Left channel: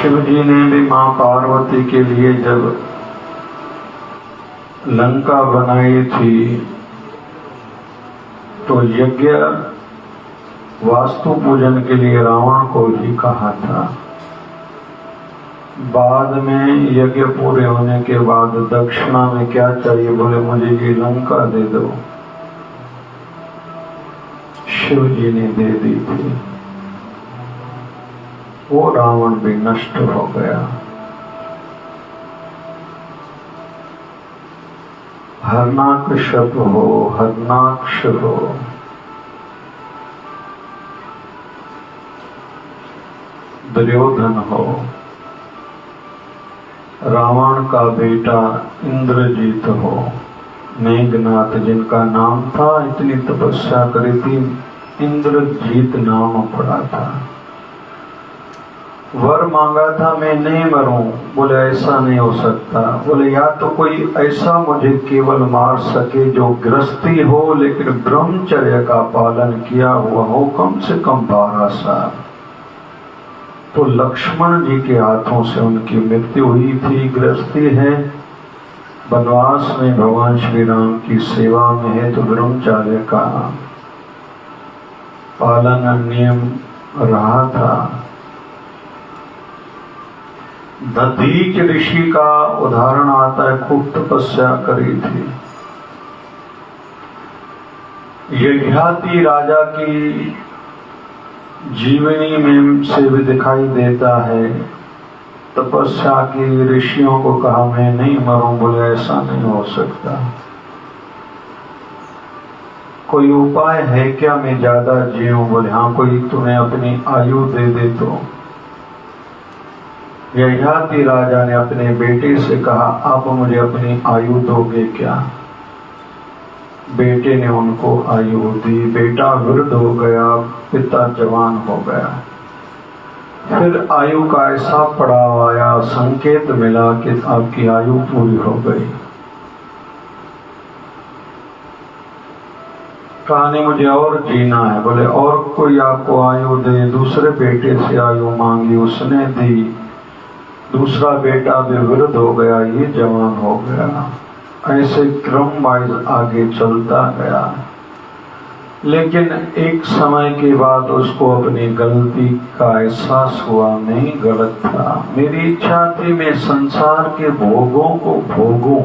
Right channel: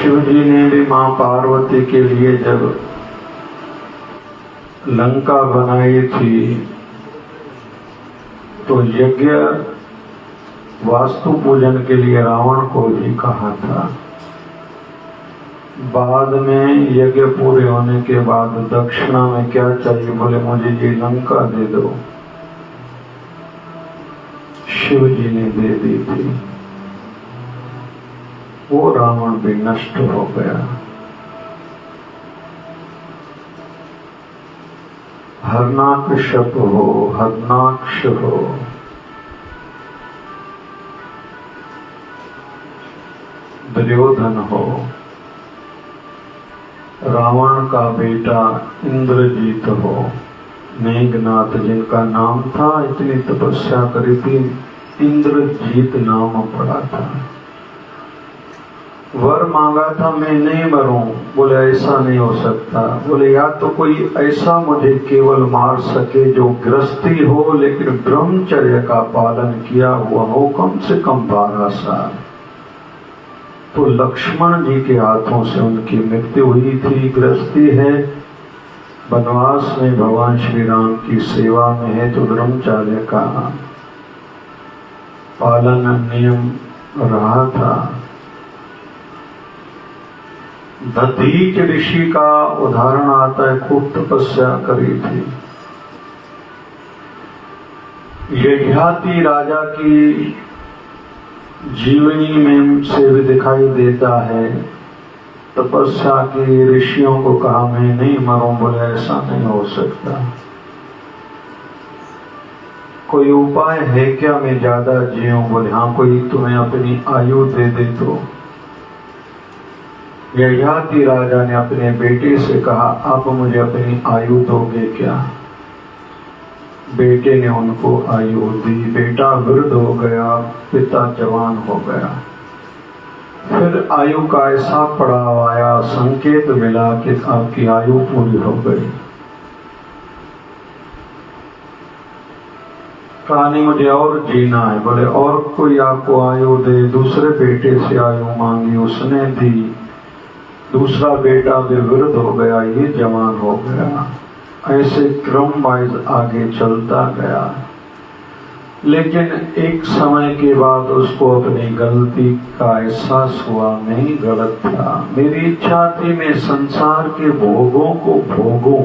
शिव जी ने भी मां पार्वती के लिए जब लंका बनाई थी तो यज्ञ वास्तु पूजन के लिए रावण को ही कहा था। बाद में यज्ञ पूरे होने के बाद दक्षिणा में क्या चाहिए, बोले मुझे ये लंका दे दो। शिव जी ने दे दी थी, वो रावण भी नष्ट हो गया। हरनाकशप हो, हरनाक्ष हो, दुर्योधन हो, रावण का बेटा इंद्रजीत हो, मेघनाथ जिनका नाम था, इतनी तपस्या करी थी, इंद्रजीत नाम पड़ा था। वर मांगा था मैं नहीं मरूं, बोले ऐसा नहीं हो सकता। बोले या तो कोई ऐसा मुझे केवल मार सके जो गृहस्थी हो लेकिन ब्रह्मचर्य का पालन किया हुआ हो, कम से कम 12 साल। तो लक्ष्मण जी के हाथों से उनकी मृत्यु हुई थी। गृहस्थी है, वनवास में भगवान श्री राम की सेवा में है, तो ब्रह्मचर्य का पालन नियम रहा था। दधीच ऋषि का उदाहरण आता है, खूब तपस्या करी थी। यज्ञाति राजा की जीवनी में से भी दिखाई देता है, तपस्या के ऋषियों को कहा मैं नहीं मरूं, बोले ऐसा नहीं हो सकता। कोई उपाय है क्या मैं ज्यादा जीऊं? बोले हाँ, कोई तुम्हें अपनी आयु दे दे तो। यज्ञाति राजा ने अपने बेटे से कहा आप मुझे अपनी आयु दोगे क्या? बेटे ने उनको आयु दी। बेटा वृद्ध हो गया, पिता जवान हो गया। फिर आयु का ऐसा पड़ाव आया, संकेत मिला कि आपकी आयु पूरी हो गई। कहानी मुझे और जीना है, बोले और कोई आपको आयु दे। दूसरे बेटे से आयु मांगी, उसने दी। दूसरा बेटा भी वृद्ध हो गया, ये जवान हो गया। ऐसे क्रम वाइज आगे चलता गया। लेकिन एक समय के बाद उसको अपनी गलती का एहसास हुआ, नहीं गलत था। मेरी इच्छा थी मैं संसार के भोगों को भोगूं,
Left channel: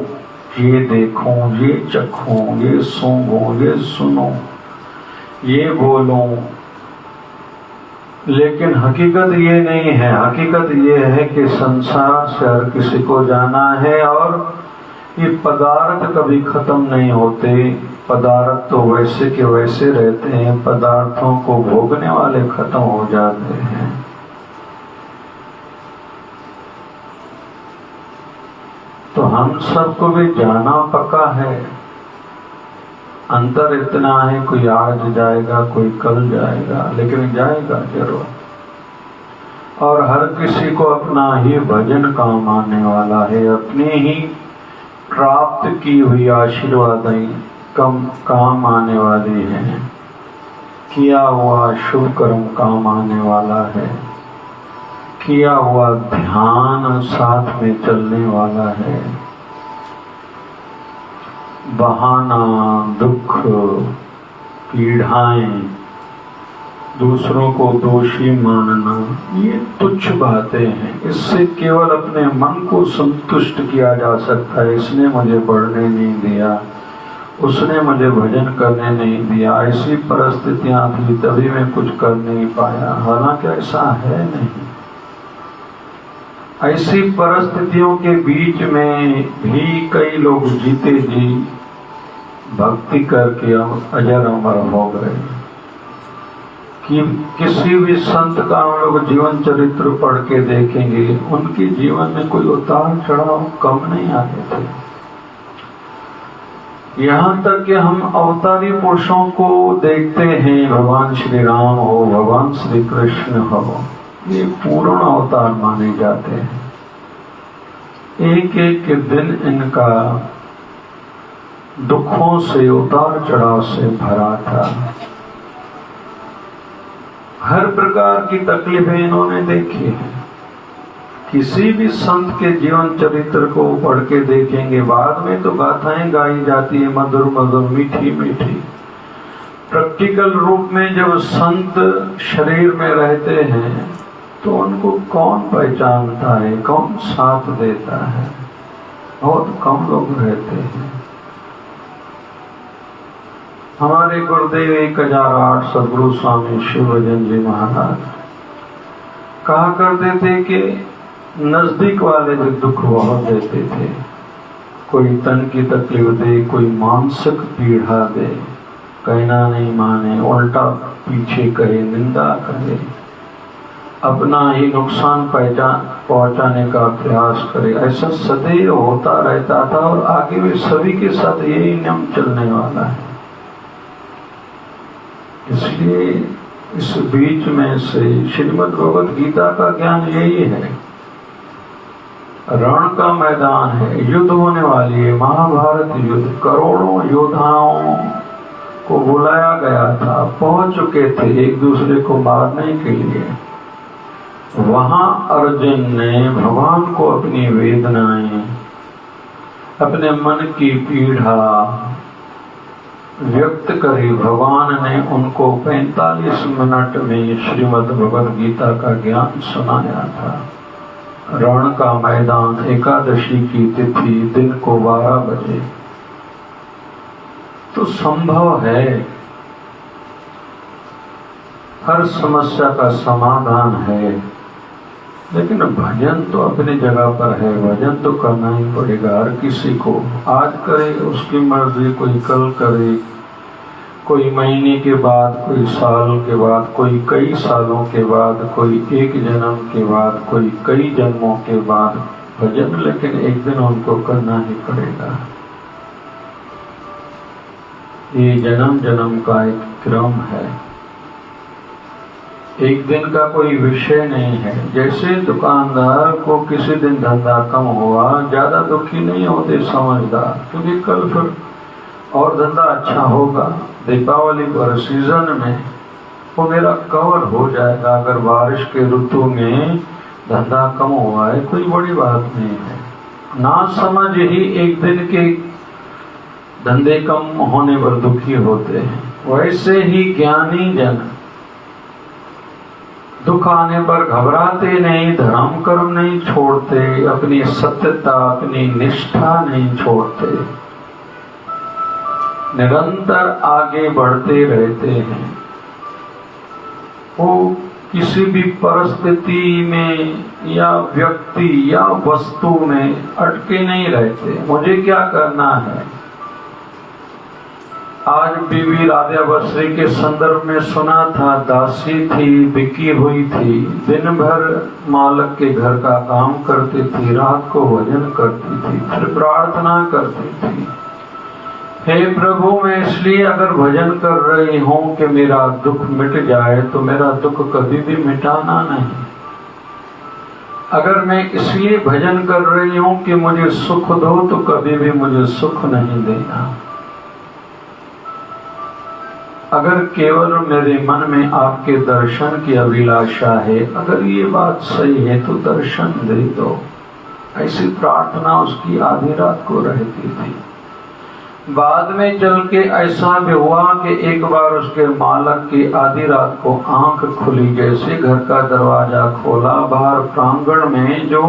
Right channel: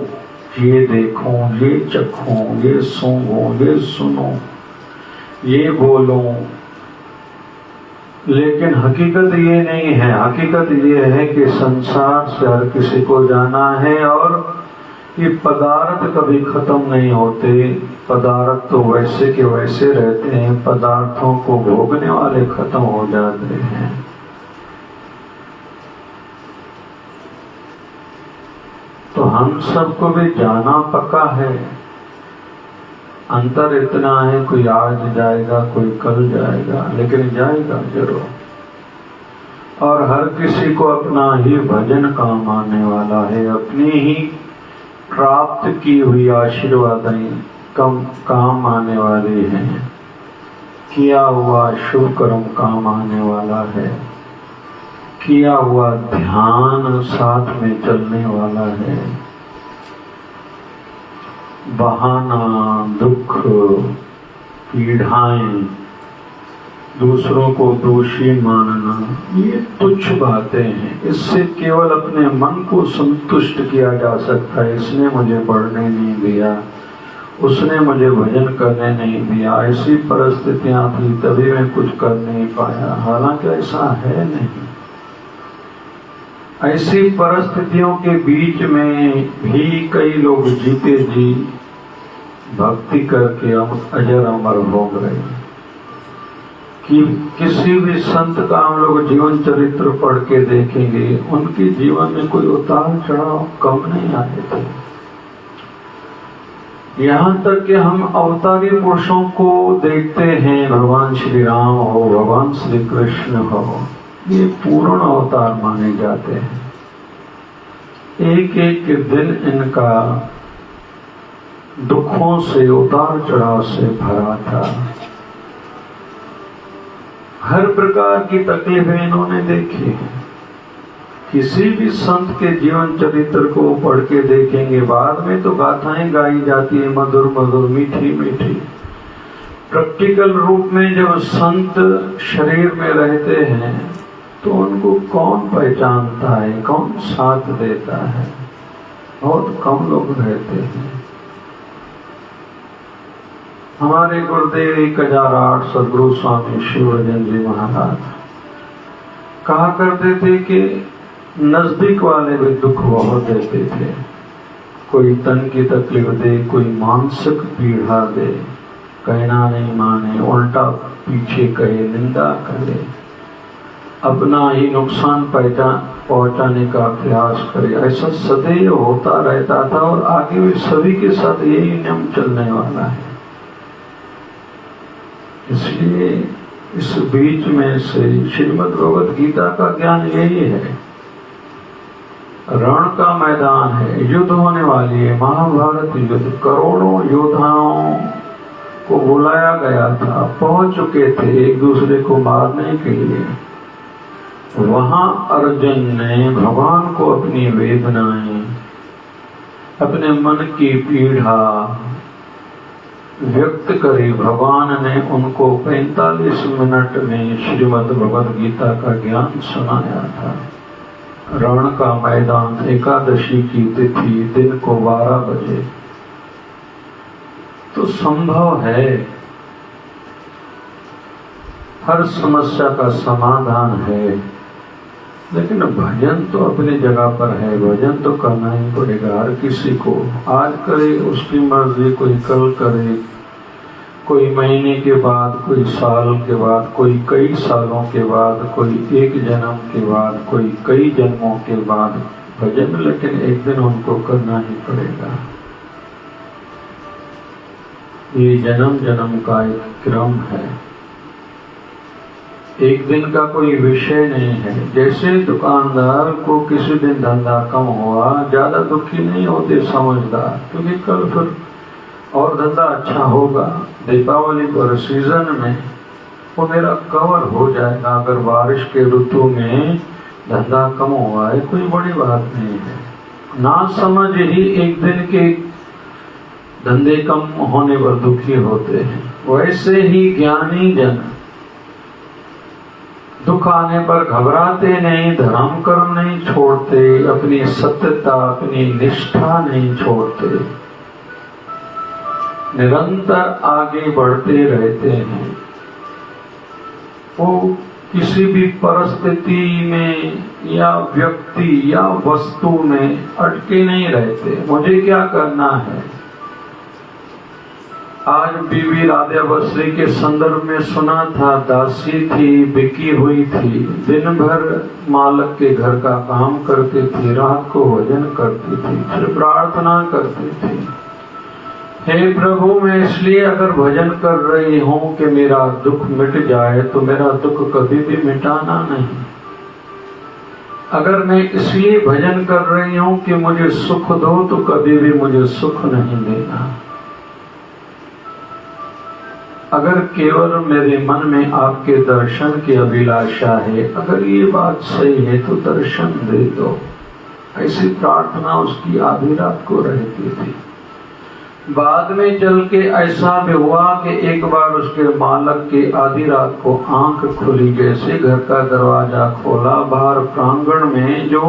ये देखूं, ये चखूं, ये सूंघूं, ये सुनूं, ये बोलूं। लेकिन हकीकत ये नहीं है। हकीकत ये है कि संसार से हर किसी को जाना है और ये पदार्थ कभी खत्म नहीं होते। पदार्थ तो वैसे के वैसे रहते हैं, पदार्थों को भोगने वाले खत्म हो जाते हैं। तो हम सबको भी जाना पक्का है। अंतर इतना है, कोई आज जाएगा, कोई कल जाएगा, लेकिन जाएगा जरूर। और हर किसी को अपना ही भजन काम आने वाला है। अपनी ही प्राप्त की हुई आशीर्वादें कम काम आने वाली हैं। किया हुआ शुभ कर्म काम आने वाला है। किया हुआ ध्यान साथ में चलने वाला है। बहाना, दुख, पीड़ाएं, दूसरों को दोषी मानना, ये तुच्छ बातें हैं। इससे केवल अपने मन को संतुष्ट किया जा सकता है। इसने मुझे पढ़ने नहीं दिया, उसने मुझे भजन करने नहीं दिया, ऐसी परिस्थितियां थी तभी मैं कुछ कर नहीं पाया। हालांकि ऐसा है नहीं। ऐसी परिस्थितियों के बीच में भी कई लोग जीते जी भक्ति करके अजर अमर हो गए। कि किसी भी संत का हम लोग जीवन चरित्र पढ़ के देखेंगे, उनके जीवन में कोई उतार चढ़ाव कम नहीं आए थे। यहाँ तक कि हम अवतारी पुरुषों को देखते हैं, भगवान श्री राम हो, भगवान श्री कृष्ण हो, ये पूर्ण अवतार माने जाते हैं। एक एक दिन इनका दुखों से, उतार चढ़ाव से भरा था। हर प्रकार की तकलीफें इन्होंने देखी हैं। किसी भी संत के जीवन चरित्र को पढ़ के देखेंगे, बाद में तो गाथाएं गाई जाती है मधुर मधुर मीठी मीठी। प्रैक्टिकल रूप में जब संत शरीर में रहते हैं तो उनको कौन पहचानता है, कौन साथ देता है? बहुत कम लोग रहते हैं। हमारे गुरुदेव 1008 सदगुरु स्वामी शिवरंजन जी महाराज कहा करते थे कि नजदीक वाले भी दुख बहुत देते थे। कोई तन की तकलीफ दे, कोई मानसिक पीड़ा दे, कहना नहीं माने, उल्टा पीछे कहे, निंदा करे, अपना ही नुकसान पहुंचाने का प्रयास करे, ऐसा सदैव होता रहता था। और आगे भी सभी के साथ यही नियम चलने वाला है। इसलिए इस बीच में से श्रीमद् भगवत गीता का ज्ञान यही है। रण का मैदान है, युद्ध होने वाली है, महाभारत युद्ध, करोड़ों योद्धाओं को बुलाया गया था, पहुंच चुके थे एक दूसरे को मारने के लिए। वहां अर्जुन ने भगवान को अपनी वेदनाएं, अपने मन की पीड़ा व्यक्त करी। भगवान ने उनको 45 मिनट में श्रीमद् भगवद गीता का ज्ञान सुनाया था। रण का मैदान, एकादशी की तिथि, दिन को 12 बजे। तो संभव है, हर समस्या का समाधान है, लेकिन भजन तो अपनी जगह पर है। भजन तो करना ही पड़ेगा हर किसी को। आज करे उसकी मर्जी, कोई कल करे, कोई महीने के बाद, कोई साल के बाद, कोई कई सालों के बाद, कोई एक जन्म के बाद, कोई कई जन्मों के बाद भजन, लेकिन एक दिन उनको करना ही पड़ेगा। ये जन्म जन्म का एक क्रम है, एक दिन का कोई विषय नहीं है। जैसे दुकानदार को किसी दिन धंधा कम हुआ, ज्यादा दुखी नहीं होते समझदार, क्योंकि कल फिर और धंधा अच्छा होगा। दीपावली पर सीजन में वो मेरा कवर हो जाएगा। अगर बारिश के ऋतु में धंधा कम हुआ है, कोई बड़ी बात नहीं है। ना समझ ही एक दिन के धंधे कम होने पर दुखी होते हैं। वैसे ही ज्ञानी जन दुख आने पर घबराते नहीं, धर्म कर्म नहीं छोड़ते, अपनी सत्यता, अपनी निष्ठा नहीं छोड़ते, निरंतर आगे बढ़ते रहते हैं। वो किसी भी परिस्थिति में या व्यक्ति या वस्तु में अटके नहीं रहते। मुझे क्या करना है? आज बीवी राधा बसरी के संदर्भ में सुना था, दासी थी, बिकी हुई थी, दिन भर मालक के घर का काम करती थी, रात को भजन करती थी, फिर प्रार्थना करती थी, हे प्रभु मैं इसलिए अगर भजन कर रही हूँ कि मेरा दुख मिट जाए, तो मेरा दुख कभी भी मिटाना नहीं। अगर मैं इसलिए भजन कर रही हूँ कि मुझे सुख दो, तो कभी भी मुझे सुख नहीं देना। अगर केवल मेरे मन में आपके दर्शन की अभिलाषा है, अगर ये बात सही है तो दर्शन दे दो। ऐसी प्रार्थना उसकी आधी रात को रहती थी। बाद में चल के ऐसा भी हुआ कि एक बार उसके मालक की आधी रात को आंख खुली, जैसे घर का दरवाजा खोला, बाहर प्रांगण में जो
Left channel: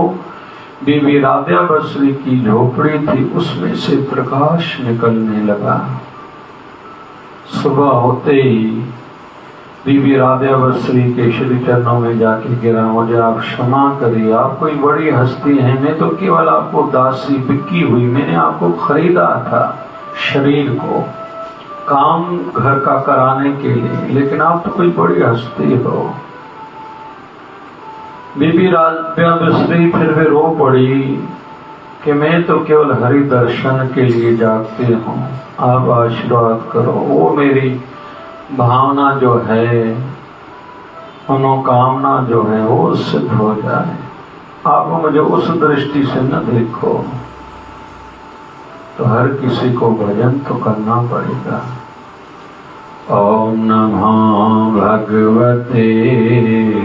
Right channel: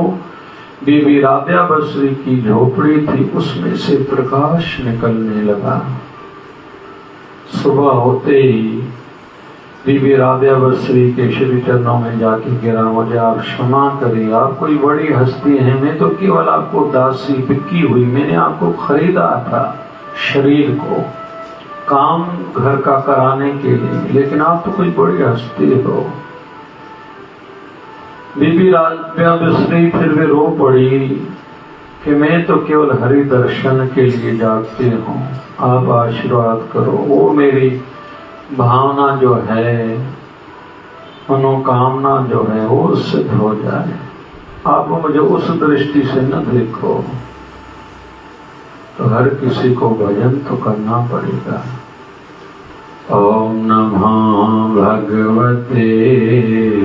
बीबी राधा बसरी की झोपड़ी थी उसमें से प्रकाश निकलने लगा। सुबह होते ही बीबी राधा बसरी के श्री चरणों में जाके गिरा, मुझे आप क्षमा करिए, आप कोई बड़ी हस्ती है, मैं तो केवल आपको दासी बिकी हुई, मैंने आपको खरीदा था शरीर को काम घर का कराने के लिए, लेकिन आप तो कोई बड़ी हस्ती हो। बीबी राधा बसरी फिर भी रो पड़ी कि मैं तो केवल हरि दर्शन के लिए जागती हूँ, आप आशीर्वाद करो, वो मेरी भावना जो है, मनोकामना जो है वो सिद्ध हो जाए। आप मुझे उस दृष्टि से न देखो। तो हर किसी को भजन तो करना पड़ेगा। ओम नमः भगवते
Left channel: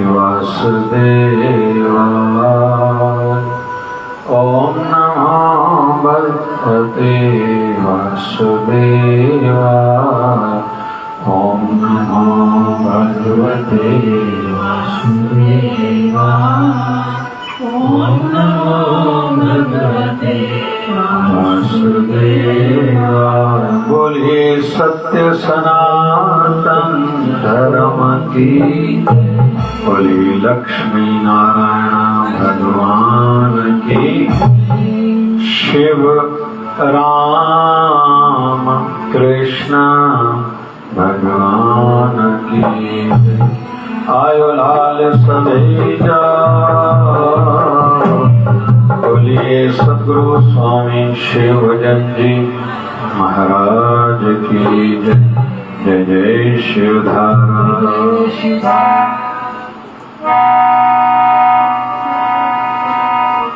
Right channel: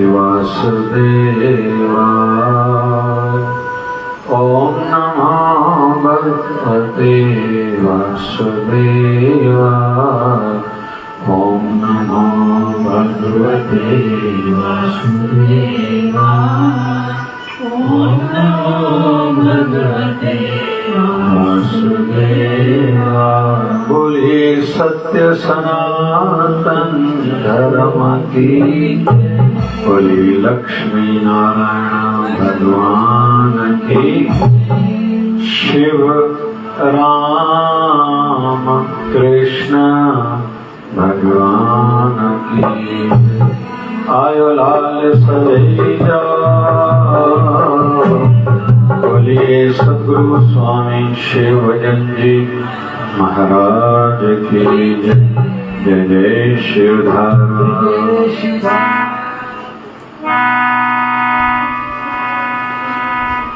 वासुदेवाय। सत्य सनातन धर्म की। बोली लक्ष्मी नारायण भगवान की। शिव राम कृष्ण भगवान की। आयो लाल सवेजा। बोलिए सद्गुरु स्वामी शिवजन जी महाराज की जय। जय शिवधाम।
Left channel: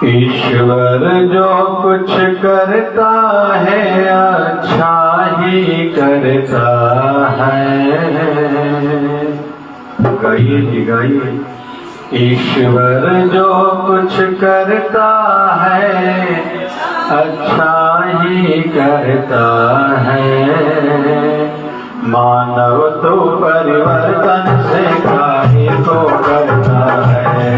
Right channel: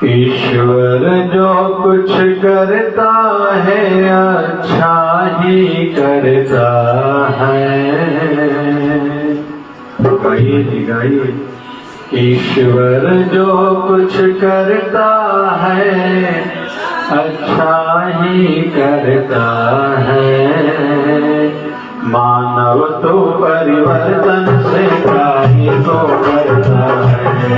ईश्वर जो कुछ करता है अच्छा ही करता है। गाइए। ईश्वर जो कुछ करता है अच्छा ही करता है। मानव तो परिवर्तन से कार्य तो करता है।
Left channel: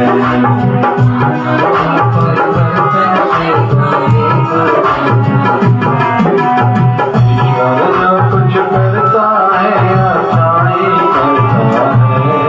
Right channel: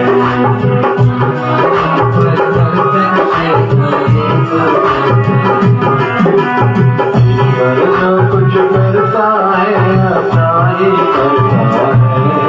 ईश्वर जो कुछ करता है अच्छा ही करता है।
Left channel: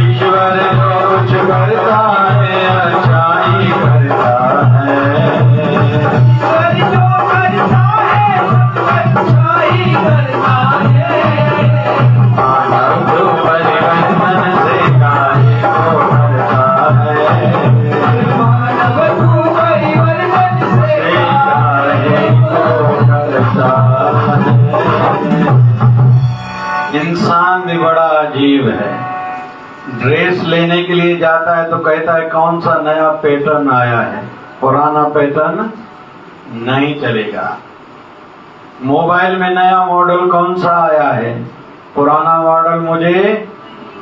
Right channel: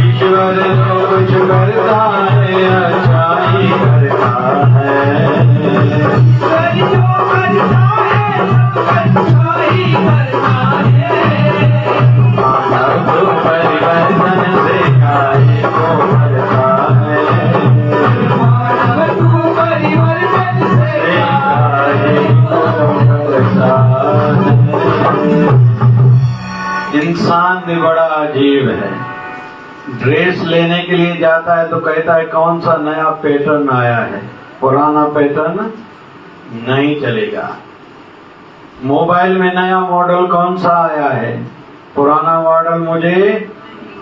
ईश्वर जो कुछ करता है अच्छा ही करता है। इंसान भी बड़ा अजीब है। ड्रेस लेने के लिए जाता है तो कहता है कौन सा नया पैटर्न आया है, पुराना पैटर्न नहीं चलेगा। मोबाइल में नया मॉडल कौन सा आया है, पुराना मॉडल मुझे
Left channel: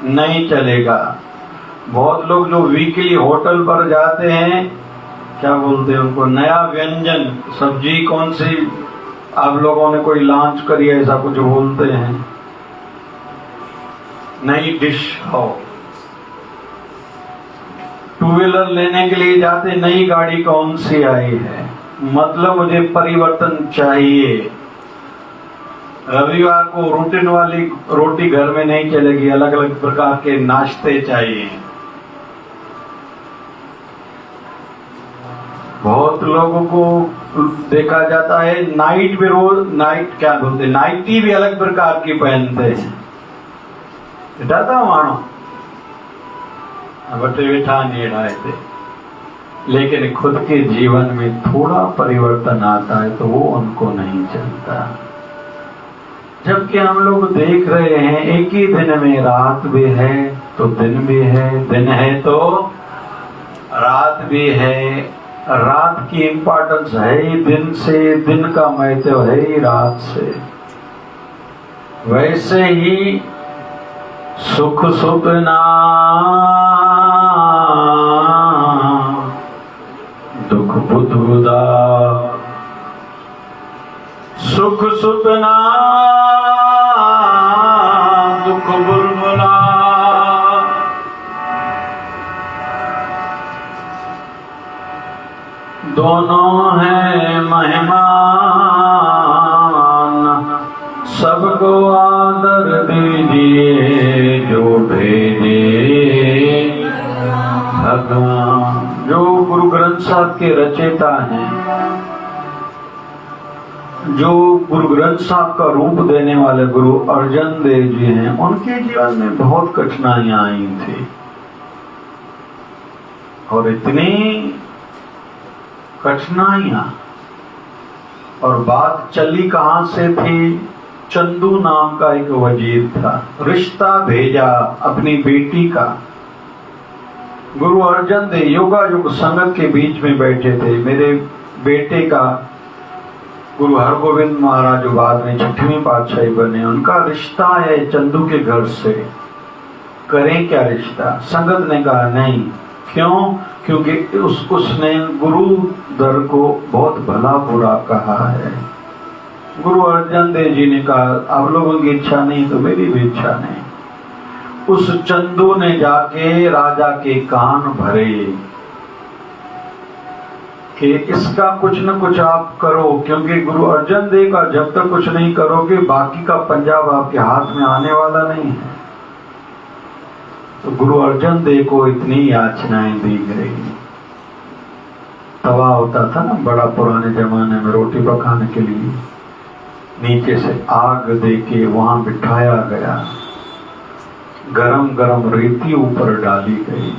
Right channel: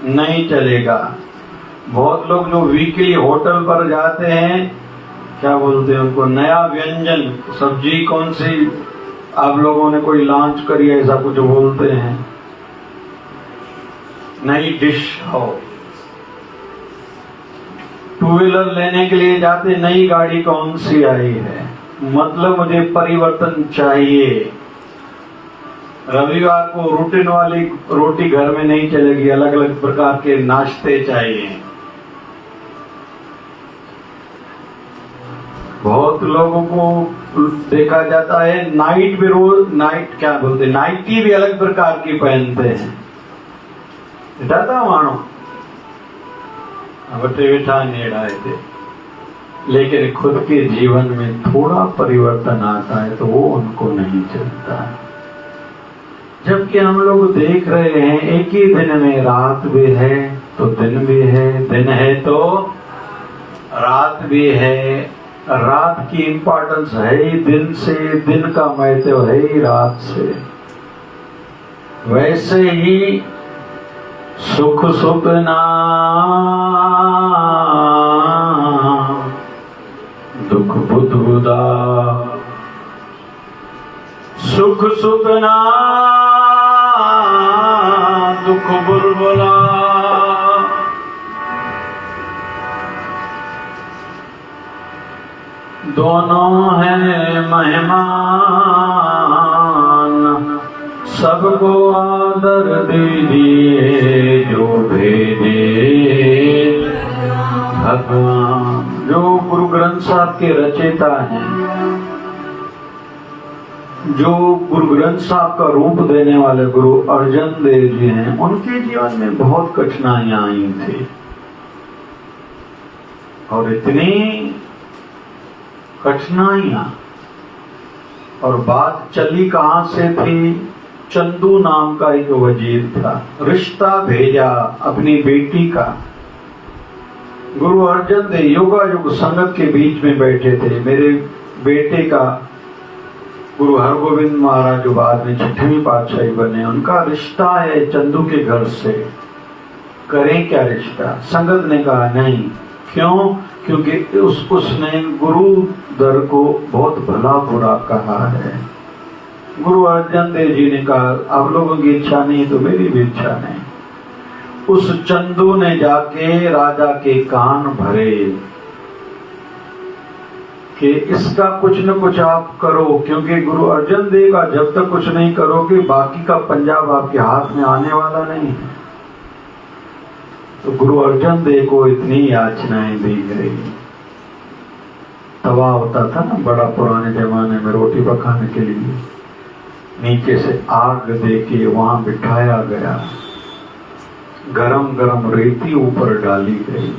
नहीं चलेगा। बहुत लोग जो वीकली होटल पर जाते हैं, क्या बोलते हैं उनको, नया व्यंजन, सब्जी कौन सी आप लोगों ने कोई लॉन्च करी है, ऐसा कुछ बोलते हैं, नई डिश हो। टू व्हीलर लेने के लिए जाते, नई गाड़ी कौन सी आई है, मतलब मुझे परिवर्तन चाहिए। रविवार को रूटीन वाली रोटी घर में नहीं चलेगी, अलग अलग प्रकार के नाश्ते चाहिए। बहुत लोगों को देखा जाता है नाइट में, रोज नाइट क्या बोलते, नाइटी भी अलग प्रकार की पहनते हैं। डरता मानो बटे बिठा नहीं रहे थे, लेकिन खुद के जीवन में थोड़ा परिवर्तन आता है तो वो उनको नहीं चलता। जबकि हम लोग देख रहे हैं एक ही दिन में रात भी है तो दिन भी है, दिन है तो रात भी है। रात की इंपॉर्टेंस है ही दिन से, दिन का महत्व है ही रात से। वैसे ही सुख सुतना दुख बुधबुदा, सुख सुतना दुख बुरबुरा। दोनों हैं मेहमान, सबको आदर दीजिए जो भेजे भगवान। जो गुरु ग्रंथ साहब के रचयिता हैं, जो गुरु ग्रंथ साहब का रूप देने वाले गुरु अर्जन देव जी हैं, उनके जीवन में बहुत कठिनाइयां आई थी। और इतनी कठिनाइयां, और बात चली कहां से थी, चंदू नाम का एक वजीर था, रिश्ता भेजा अपनी बेटी का। गुरु अर्जन देव योगायोग संगत के बीच में बैठे थे। मेरे बेटे का गुरु हरगोविंद महाराज जो बाद में 6वीं पातशाही बने, उनका रिश्ता है चंदू के घर से, करें क्या रिश्ता? संगत ने कहा नहीं। क्यों? क्योंकि उसने गुरु दर को बहुत भला बुरा कहा है। गुरु अर्जन देव जी ने कहा आप लोगों की इच्छा नहीं तो मेरी भी इच्छा नहीं। उस चंदू ने जाके राजा के कान भरे कि इसका कुछ न कुछ आप करो, क्योंकि गुरु अर्जन देव का जब तक कुछ नहीं करोगे बाकी का पंजाब आपके हाथ में आने वाला नहीं है। तो गुरु अर्जन देव को इतनी याचनाएं दी गई। तवा होता था ना बड़ा पुराने जमाने में रोटी पकाने के लिए, नीचे से आग देके वहां बिठाया गया, गरम गरम रेती ऊपर डाली गई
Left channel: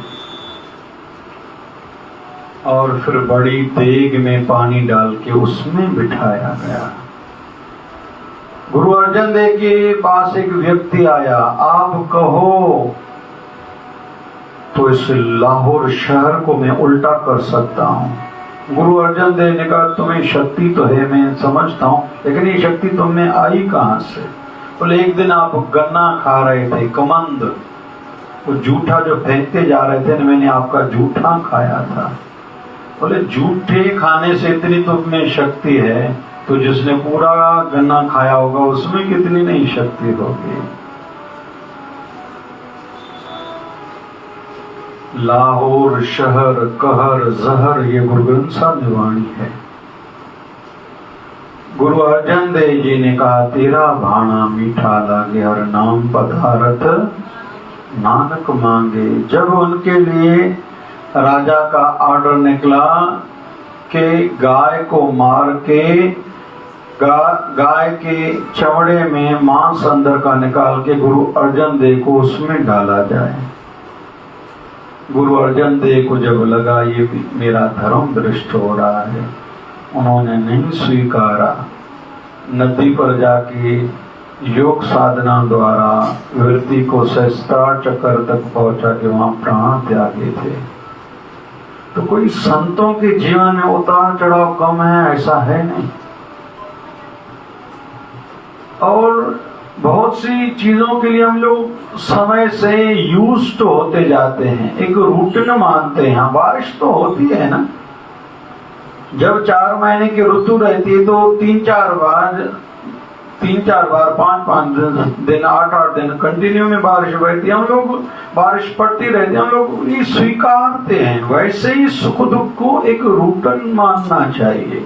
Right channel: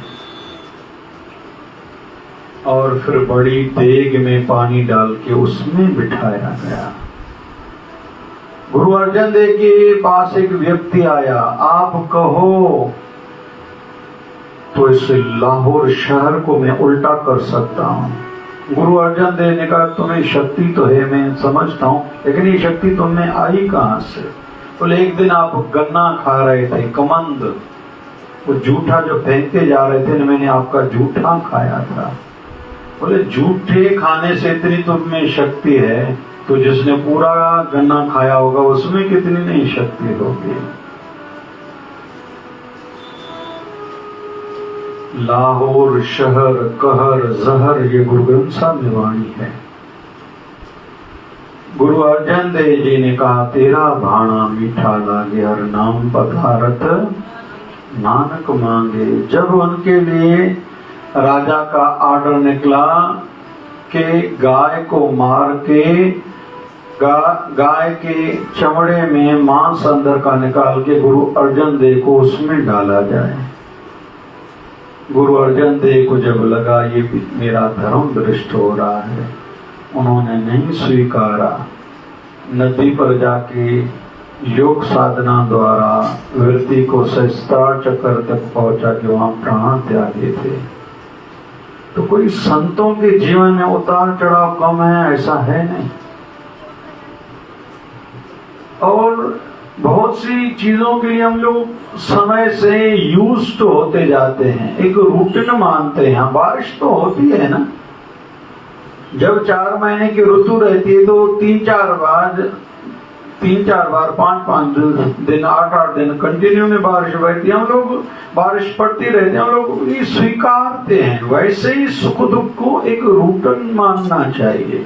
और फिर बड़ी देग में पानी डाल के उसमें बिठाया गया। गुरु अर्जन देव के पास एक व्यक्ति आया, आप कहो तो इस लाहौर शहर को मैं उल्टा कर सकता हूँ। गुरु अर्जन देव ने कहा तुम्हें शक्ति तो है, मैं समझता हूँ, लेकिन ये शक्ति तुमने आई कहाँ से? बोले एक दिन आप गन्ना खा रहे थे, कमंद, वो जूठा जो फेंकते जा रहे थे ना, मैंने आपका जूठा खाया था। बोले जूठे खाने से इतनी तुम में शक्ति है, तो जिसने पूरा गन्ना खाया होगा उसमें कितनी नहीं शक्ति होगी। लाहौर शहर कहर जहर, ये गुरु ग्रंथ साहब की वाणी है। गुरु अर्जन देव जी ने कहा तेरा भाणा मीठा लागे हर नाम पधारत नानक मांगे। जब उनके लिए राजा का ऑर्डर निकला कि गाय को मार के गाय के चमड़े में मांस अंदर का निकाल के गुरु अर्जन देव को उसमें डाला जाए, गुरु अर्जन देव को जब लगा ये भी मेरा धर्म भ्रष्ट हो रहा है, उन्होंने नहीं स्वीकारा। नदी पर जाके योग साधना द्वारा वृत्ति को सहस्त्रार चक्र तक पहुंचा के वहां प्राण त्यागे थे। तो कोई संतों के जीवन में उतार चढ़ाव कम है ऐसा है नहीं। और बहुत सी चीजों के लिए हम लोग समय से यूज्ड होते जाते हैं, एक रूटीन मानते हैं। बारिश तो होती है ना, जब 4 महीने की ऋतु रहती है तो 3-4 बार 5-5 दिन 8-8 दिन कंटिन्यू में बारिश रहती है। हम लोग बारिश पड़ती रहती है, हम लोग ये स्वीकारते हैं। वैसे ही सुख दुख को एक रूटीन मानना चाहिए।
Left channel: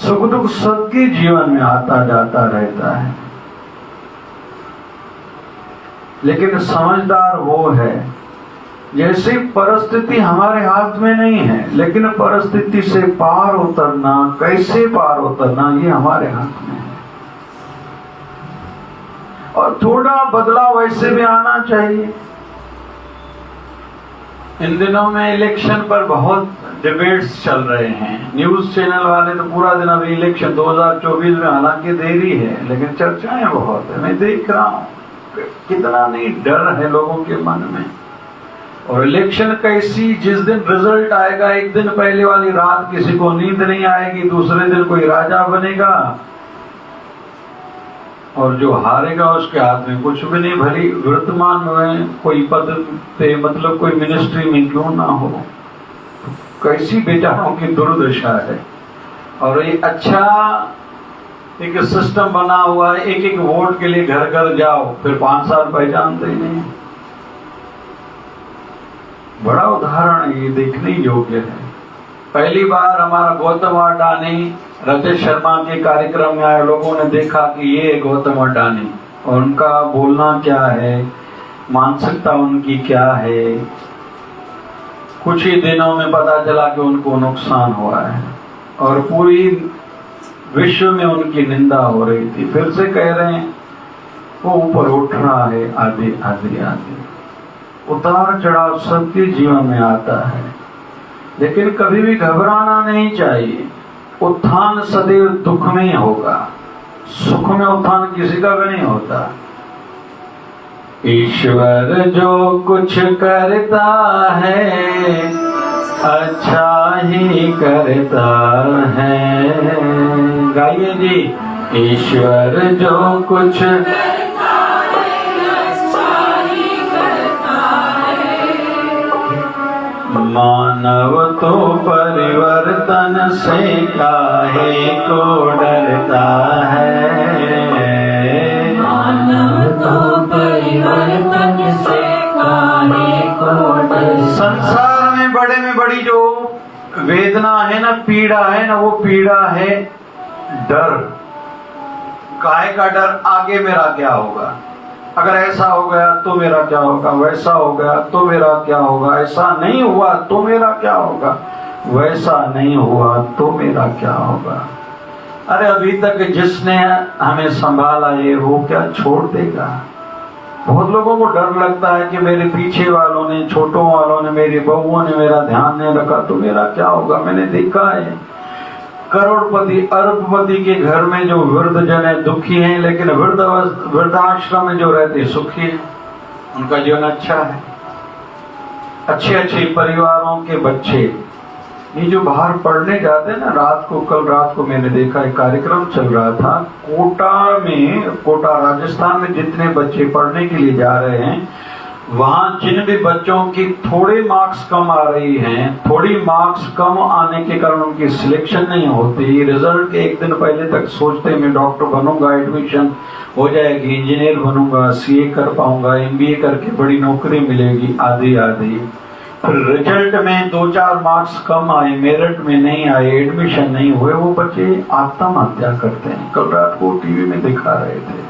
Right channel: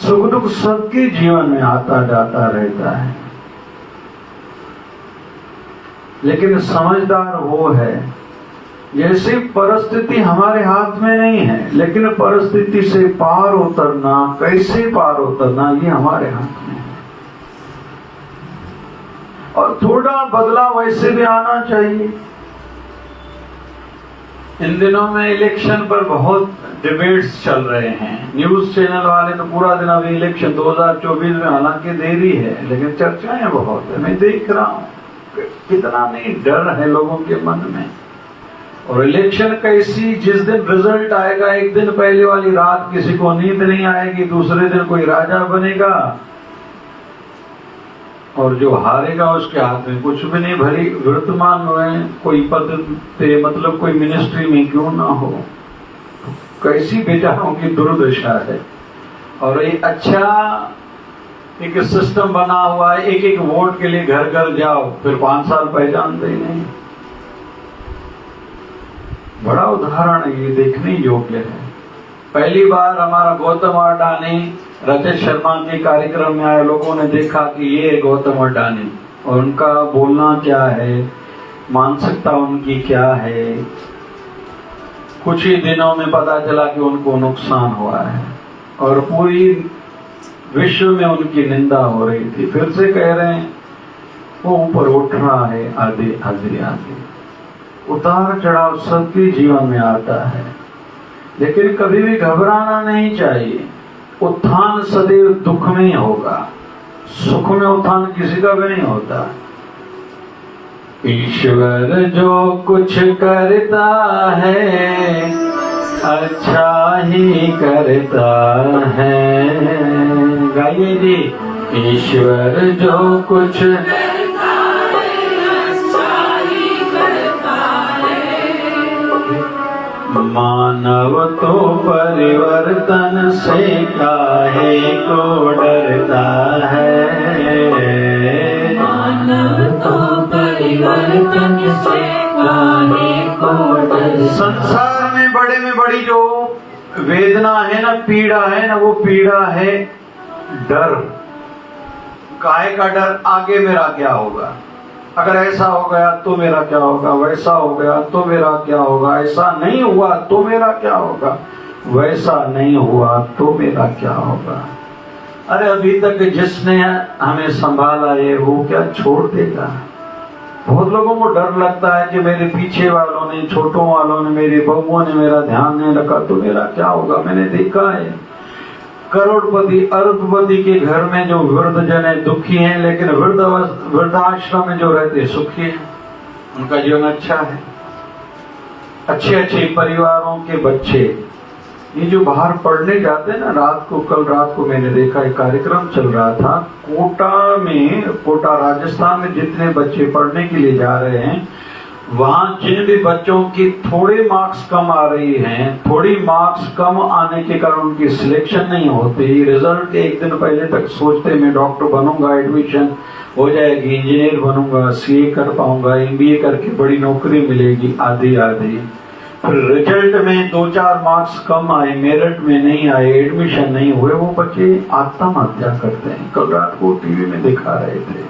सुख दुख सबके जीवन में आता जाता रहता है, लेकिन समझदार वो है जैसे परिस्थिति हमारे हाथ में नहीं है, लेकिन परिस्थिति से पार उतरना, कैसे पार उतरना, ये हमारे हाथ में है। और थोड़ा बदलाव वैसे भी आना चाहिए। इन दिनों में इलेक्शन पर बहुत डिबेट्स चल रहे हैं। न्यूज चैनल वाले तो पूरा दिन अभी इलेक्शन 2024 में, हालांकि देरी है लेकिन चर्चाएं बहुत है। मैं देख रहा हूं कितना नहीं डर है लोगों के मन में। और इलेक्शन कैसी, जिस दिन रिजल्ट आएगा एक दिन पहले वाली रात किसी को नींद नहीं आएगी, दूसरे दिन कोई राजा बनेगा और जो हारेगा उसके हाथ में कुछ भी नहीं। भरी वर्तमान में कोई पद पे, मतलब कोई मिनिस्ट्री में क्यों ना हो, कैसी बेचारों की दुर्दशा है। और एक अच्छा एक सिस्टम बना हुआ है, एक वोट के लिए घर घर जाओ, फिर 5 साल पहचानते ही नहीं। बड़ा उदाहरण ये देखने योग्य है। पहली बार हमारा गौतम अडानी रजत शर्मा के कार्यक्रम में आए, लोगों ने देखा कि ये गौतम अडानी और उनका बोलना क्या है, मानसिकता उनकी क्या है। कुछ ही दिनों में पता चला कि उनको नुकसान हुआ है और पूरी विश्व में उनकी निंदा हो रही थी। फिर से कह रहे हैं वो ऊपर उठ रहा है, आधे आधे आधे। उतार चढ़ाव सबके जीवन में आता है, लेकिन कभी भी घबराना नहीं चाहिए। उत्थान सदैव दुख में ही होगा, सुख में उत्थान किसी का भी नहीं होता। ईश्वर जो कुछ करता है अच्छा ही करता है। गाइए जी। ईश्वर जो कुछ मानव तो परिवर्तन से काहे को डरता है। मानव तो परिवर्तन से काहे को डरता। संसार में बड़ी जो वेदना है ना, पीड़ा है ना, वो पीड़ा है डर। काहे का डर? आगे मेरा क्या होगा, अगर ऐसा हो गया तो मेरा क्या होगा, वैसा हो गया तो मेरा क्या होगा, ऐसा नहीं हुआ तो मेरा क्या होगा, वैसा नहीं हुआ तो मेरा क्या होगा। अरे अभी तक जिसने हमें संभाला ये वो क्या छोड़ देगा। बहुत लोगों को डर लगता है कि मेरे पीछे वालों ने, छोटों वालों ने, मेरी बहुओं ने मेरा ध्यान नहीं रखा तो मेरा क्या होगा। मैंने देखा है करोड़पति अरबपति के घर में जो वृद्ध जन है दुखी हैं, लेकिन वृद्धाश्रम में जो रहते सुखी हैं, उनका जीवन अच्छा है। अच्छे परिवारों के बच्चे ये जो बाहर पढ़ने जाते हैं ना, रात को, कल रात को मैंने देखा एक कार्यक्रम चल रहा था कोटा राजस्थान में, जितने बच्चे पढ़ने के लिए जा रहे हैं वहां जिन भी बच्चों की थोड़े मार्क्स कम आ रही हैं, थोड़ी मार्क्स कम आने के कारण उनकी सिलेक्शन नहीं होती। रिजल्ट के एक दिन पहले तक सोचते मैं डॉक्टर बनूंगा, एडमिशन हो जाएगी, इंजीनियर बनूंगा, सीए कर पाऊंगा, एमबीए करके बड़ी नौकरी मिलेगी, आधी आधी। फिर रिजल्ट में 2-4 मार्क्स कम आए, मेरिट में नहीं आए, एडमिशन नहीं हुए, वो बच्चे आत्महत्या करते हैं। कल रात को टीवी में दिखा रहे थे।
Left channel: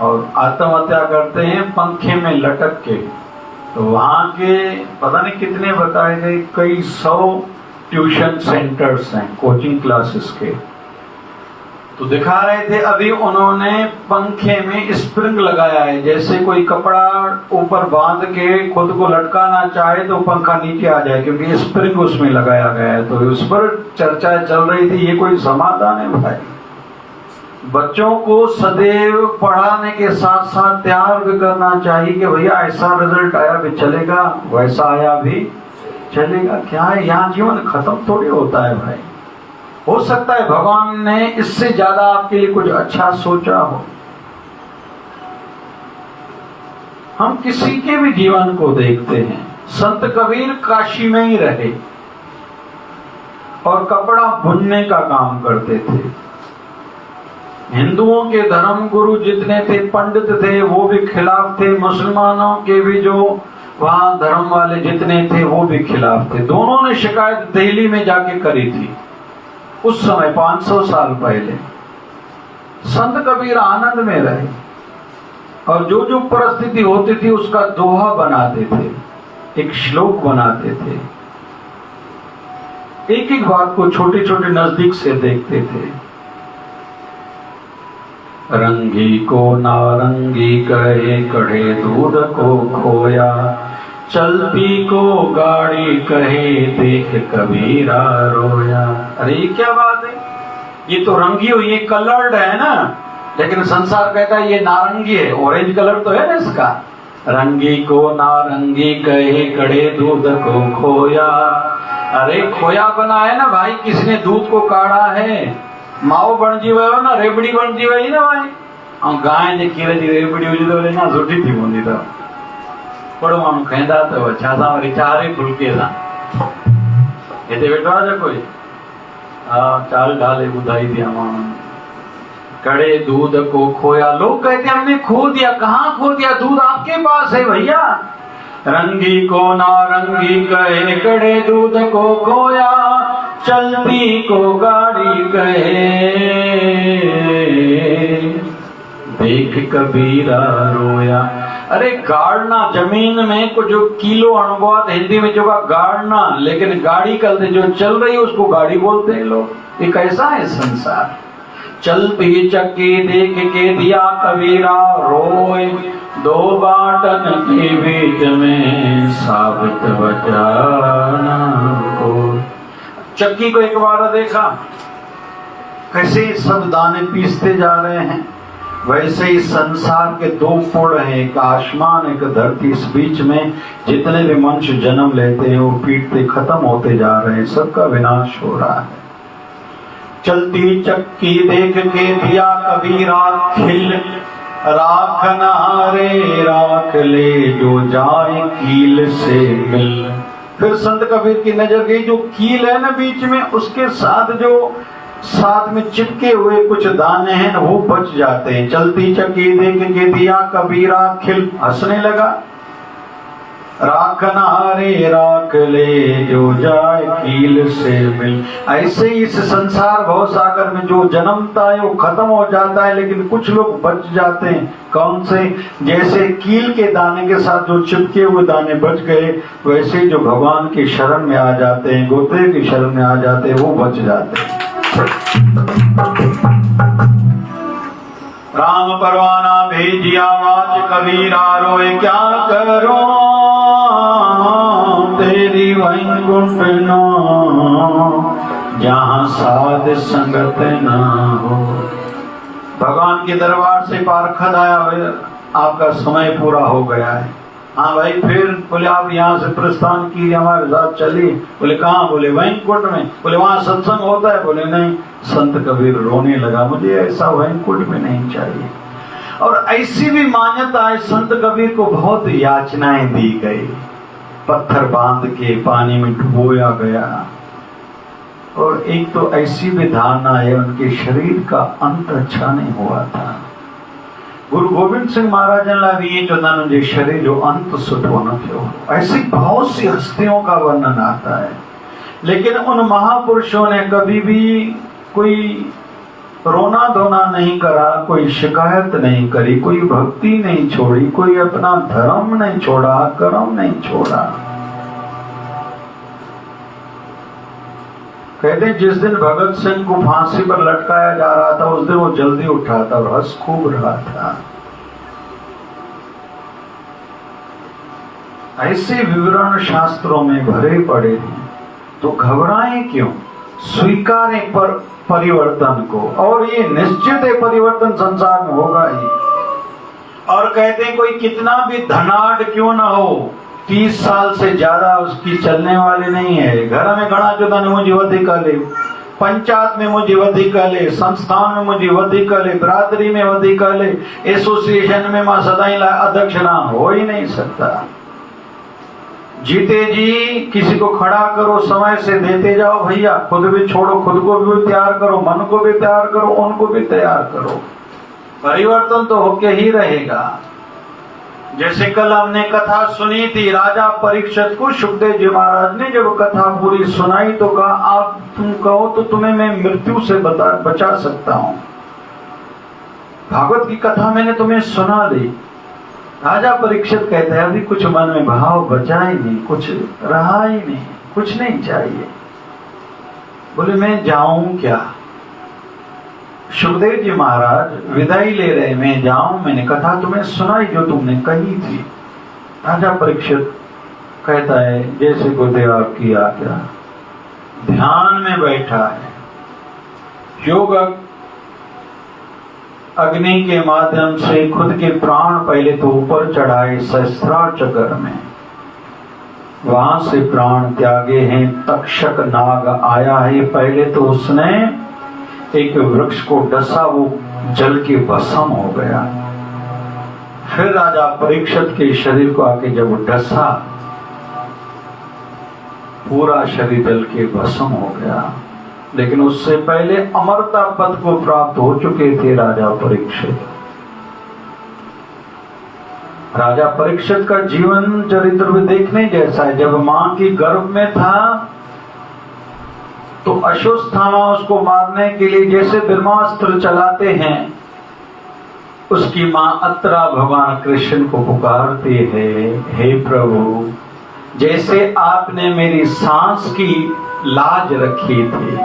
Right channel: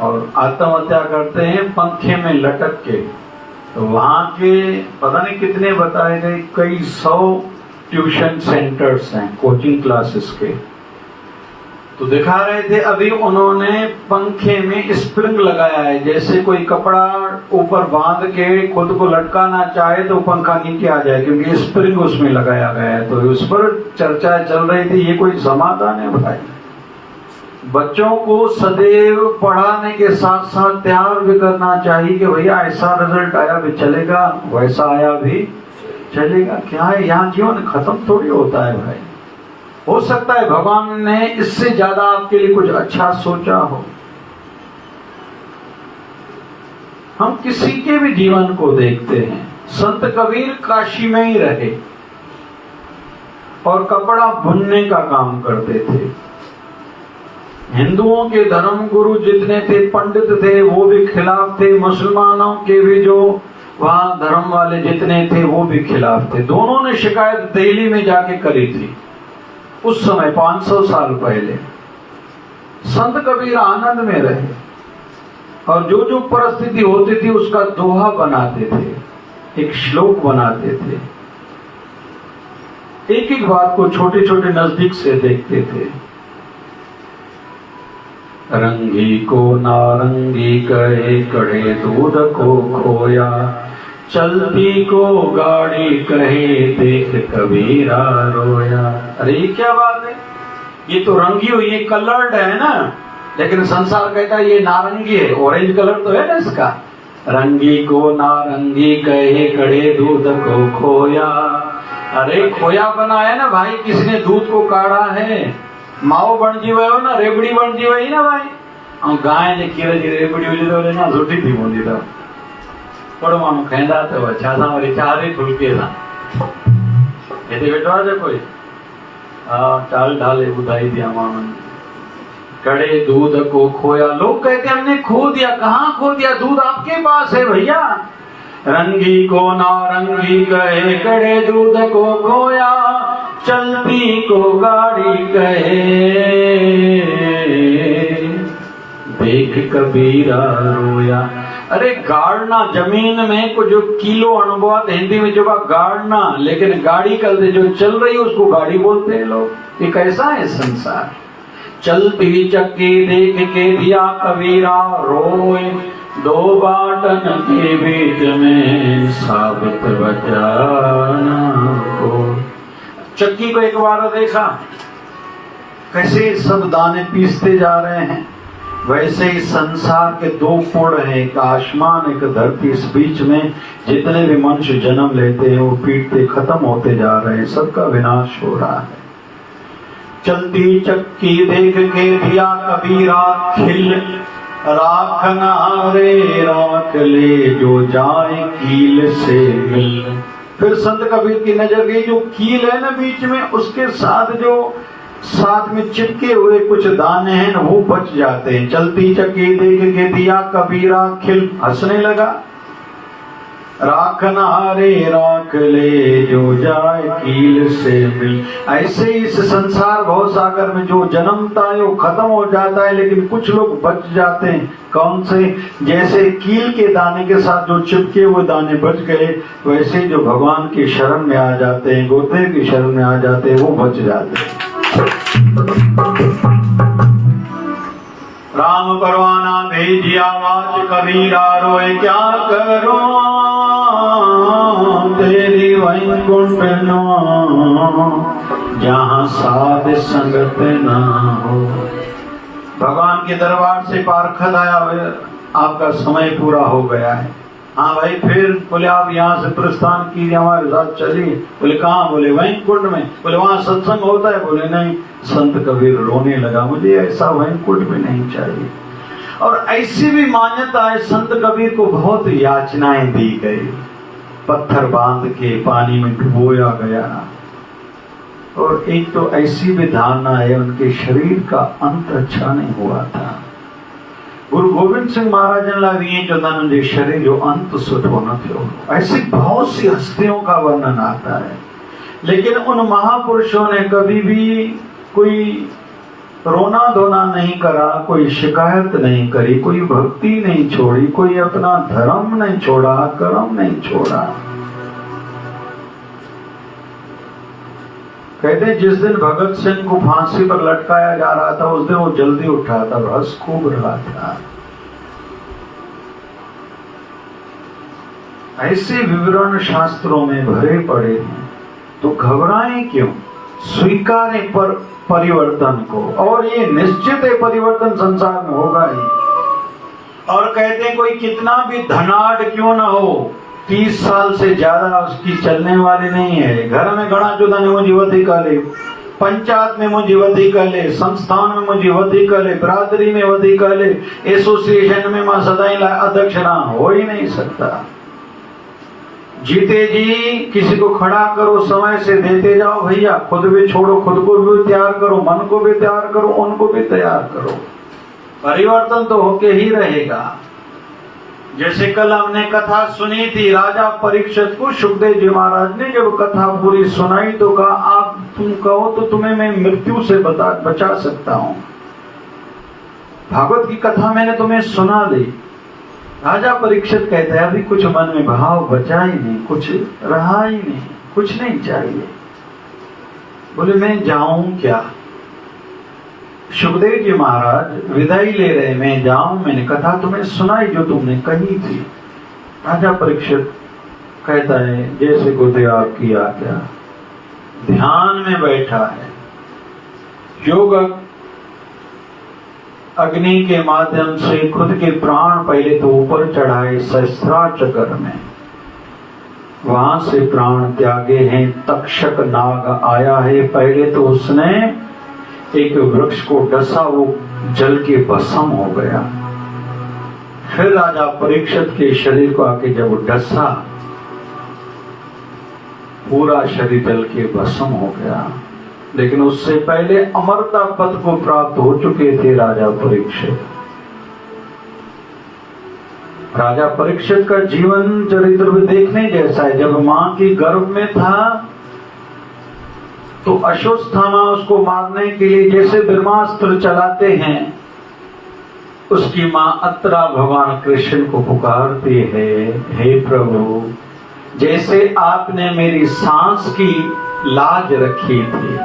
और आत्महत्या करते हैं पंखे में लटक के। तो वहां के पता नहीं कितने बताए गए, कई 100 ट्यूशन सेंटर्स हैं, कोचिंग क्लासेस के। तो दिखा रहे थे अभी उन्होंने पंखे में स्प्रिंग लगाया है, जैसे कोई कपड़ा ऊपर बांध के खुद को लटकाना चाहे तो पंखा नीचे आ जाए, क्योंकि स्प्रिंग उसमें लगाया गया है। तो उस पर चर्चा चल रही थी, ये कोई समाधान है भाई? बच्चों को सदैव पढ़ाने के साथ साथ तैयार भी करना चाहिए कि भैया ऐसा रिजल्ट आया भी चलेगा, वैसा आया भी चलेगा। क्या है, यहाँ जीवन खत्म थोड़ी होता है भाई। हो सकता है भगवान ने इससे ज्यादा आपके लिए कुछ अच्छा सोचा हो। हम किसी के भी जीवन को देखते हैं। संत कबीर काशी में ही रहे और कपड़ा बुनने का काम करते थे। हिंदुओं के धर्म गुरु जितने थे, पंडित थे, वो भी खिलाफ थे। मुसलमानों के भी जो वहां धर्म वाले जितने थे वो भी खिलाफ थे। दोनों ने शिकायत दिल्ली में जाके करी थी उस समय 500 साल पहले। संत कबीर आनंद में रहे और जो जो परिस्थिति होती थी उसका दोहा बनाते थे, एक श्लोक बनाते थे। एक एक बात को छोटे छोटे नजदीक से देखते थे। रंगी को नारंगी कहे, कढ़े दूध को खोया, चलती को गाड़ी कहे, देख कबीरा रोया। अरे ये क्या बात है? ये तो रंगी हुई, ये कलर्ड है ना, लेकिन संसार कहता है ये नारंगी है, ऑरेंज कलर तो है ना इसका। रंगी को नारंगी कहे, कड़े दूध को खोया। अरे खोया बना है ना भाई, किसने दूध को काढ़ा है? माओ बन जी हो ना, रेबड़ी बन जी हुई ना भाई। और गाय ने कीरे जी रेबड़ी हुई तो ना सुठी थी मुंदी तो पड़वाणु कहंदा तो अच्छा सा वरी चारे फुलके सा एते बेटो आज कोई चाल ढाले बुधाई दिया मामन। कड़े दूध को खोया, लोग कहते हैं हमने खो दिया। कहाँ खो दिया? दूध आपके पास है भैया। रंगी को नारंगी कहे, कड़े दूध को खोया, चलती को गाड़ी कहे, देख कबीरा रोया। अरे गाड़ना, जमीन में को जो किलो अनुवाद हिंदी में जो गाड़ना, लेकिन गाड़ी कल से जो चल रही है उसको गाड़ी बोलते हैं लोग। ये कैसा है संसार? चलती चक्की देख के दिया कबीरा रोए, दो बाटन के बीच में साबित बचाना को। चक्की को एक बार देखा कैसे सब दाने पीसते जा रहे हैं, वैसे ही संसार के दो पुड़ हैं, एक आसमान एक धरती। इस बीच में जितने भी मनुष्य जन्म लेते हैं वो पीटते खत्म होते जा रहे हैं, सबका विनाश हो रहा है। चलती चक्की देख के दिया कबीरा खिल, राखना रे राख ले, जो जाए कील से मिल। फिर संत कबीर की नजर गई, जो कील है ना बीच में, उसके साथ जो साथ में चिपके हुए कुछ दाने हैं वो बच जाते हैं। चलती चक्की देख के दिया कबीरा खिल, हंसने लगा। राखना रे राख ले, जो जाए कील से मिल। ऐसे इस संसार भव सागर में जो जन्मता है वो खत्म हो जाता है, लेकिन कुछ लोग बच जाते हैं। कौन से? जैसे कील के दाने के साथ जो चिपके हुए दाने बच गए, वैसे जो भगवान की शरण में आ जाते हैं, गोते की शरण में आ जाते हैं, वो बच जाते हैं। राम परवाना भेजिया वाच कबीरा रोए, क्या करो तेरी वैकुंठ ना, जहाँ साध संगत ना हो। भगवान के दरबार से पार्षद आया, आपका समय पूरा हो गया है। हाँ भाई, फिर बोले आप यहाँ से प्रस्थान कीजिए, हमारे साथ चलिए। बोले कहाँ? बोले वैकुंठ में। बोले वहाँ सत्संग होता है? बोले नहीं। संत कबीर रोने लगा, मुझे ऐसा वैकुंठ में नहीं चाहिए। और ऐसी भी मान्यता है, संत कबीर को बहुत याचनाएं दी गई, पत्थर बांध के पानी में डुबोया गया। और एक तो ऐसी भी धारणा है, उनके शरीर का अंत अच्छा नहीं हुआ था। गुरु गोविंद सिंह महाराज ने जो उनके शरीर जो अंत सुठो न थियो। ऐसी बहुत सी हस्तियों का वर्णन आता है, लेकिन उन महापुरुषों ने कभी भी कोई रोना धोना नहीं करा, कोई शिकायत नहीं करी, कोई भक्ति नहीं छोड़ी, कोई अपना धर्म नहीं छोड़ा, कर्म नहीं छोड़ा। कहते जिस दिन भगत सिंह को फांसी पर लटकाया जा रहा था उस दिन वो जल्दी उठा था और हंस खूब रहा था। ऐसे विवरण शास्त्रों में भरे पड़े हैं, तो घबराएं क्यों? स्वीकारें पर परिवर्तन को, और ये निश्चित है परिवर्तन संसार में होगा ही। और कहते हैं कोई कितना भी धनाढ़ क्यों ना हो, 30 साल से ज्यादा उसकी चलने वाली नहीं है। घर में घणा जो धन मुझे वधिक ले, पंचायत में मुझे वधिक ले, संस्थान में मुझे वधिक ले, बिरादरी में वधिक ले, एसोसिएशन में मैं सदाई अध्यक्ष ना हो ही नहीं सकता। जीते जी किसी को खड़ा करो, समय से देते जाओ भैया, खुद भी छोड़ो, खुद को भी तैयार करो, मन को भी तैयार करो, उनको भी तैयार करो। परिवर्तन तो होके ही रहेगा। जैसे कल हमने कथा सुनी थी, राजा परीक्षित को सुखदेव जी महाराज ने जब कथा पूरी सुनाई तो कहा आप तुम कहो तो तुम्हें मैं मृत्यु से बचा सकता हूं। भागवत की कथा मैंने तुम्हें सुना दी। राजा परीक्षित कहता है अभी कुछ मन में भाव बचा ही नहीं, कुछ रहा ही नहीं, कुछ नहीं चाहिए। बोले मैं जाऊं क्या? सुखदेव जी महाराज विदाई ले रहे, मैं जाऊं? मैंने कथा तुम्हें सुनाई जो तुमने कही थी। राजा परीक्षित कहता है जैसे गुरुदेव आपकी आज्ञा। ध्यान में बैठा है, योग अग्नि के माध्यम से खुद के प्राण पहले तो ऊपर चढ़ाए सहस्त्राचकर में, वहां से प्राण त्यागे हैं। तक्षक नाग आया है, पहले तो उसने एक वृक्ष को डसा, वो जल के भस्म हो गया। फिर राजा परीक्षित के शरीर को आके जब डसा, पूरा शरीर जल के भस्म हो गया। लेकिन उससे पहले अमरता पद को प्राप्त हो चुके थे राजा परीक्षित। राजा परीक्षित का जीवन चरित्र भी देखने जैसा है। जब मां की गर्भ में था तो अश्वत्थामा उसको मारने के लिए जैसे ब्रह्मास्त्र चलाते हैं, उसकी मां अत्रा भगवान कृष्ण को पुकारती है, हे प्रभु जैसे आपने मेरी सांस की लाज रखी थी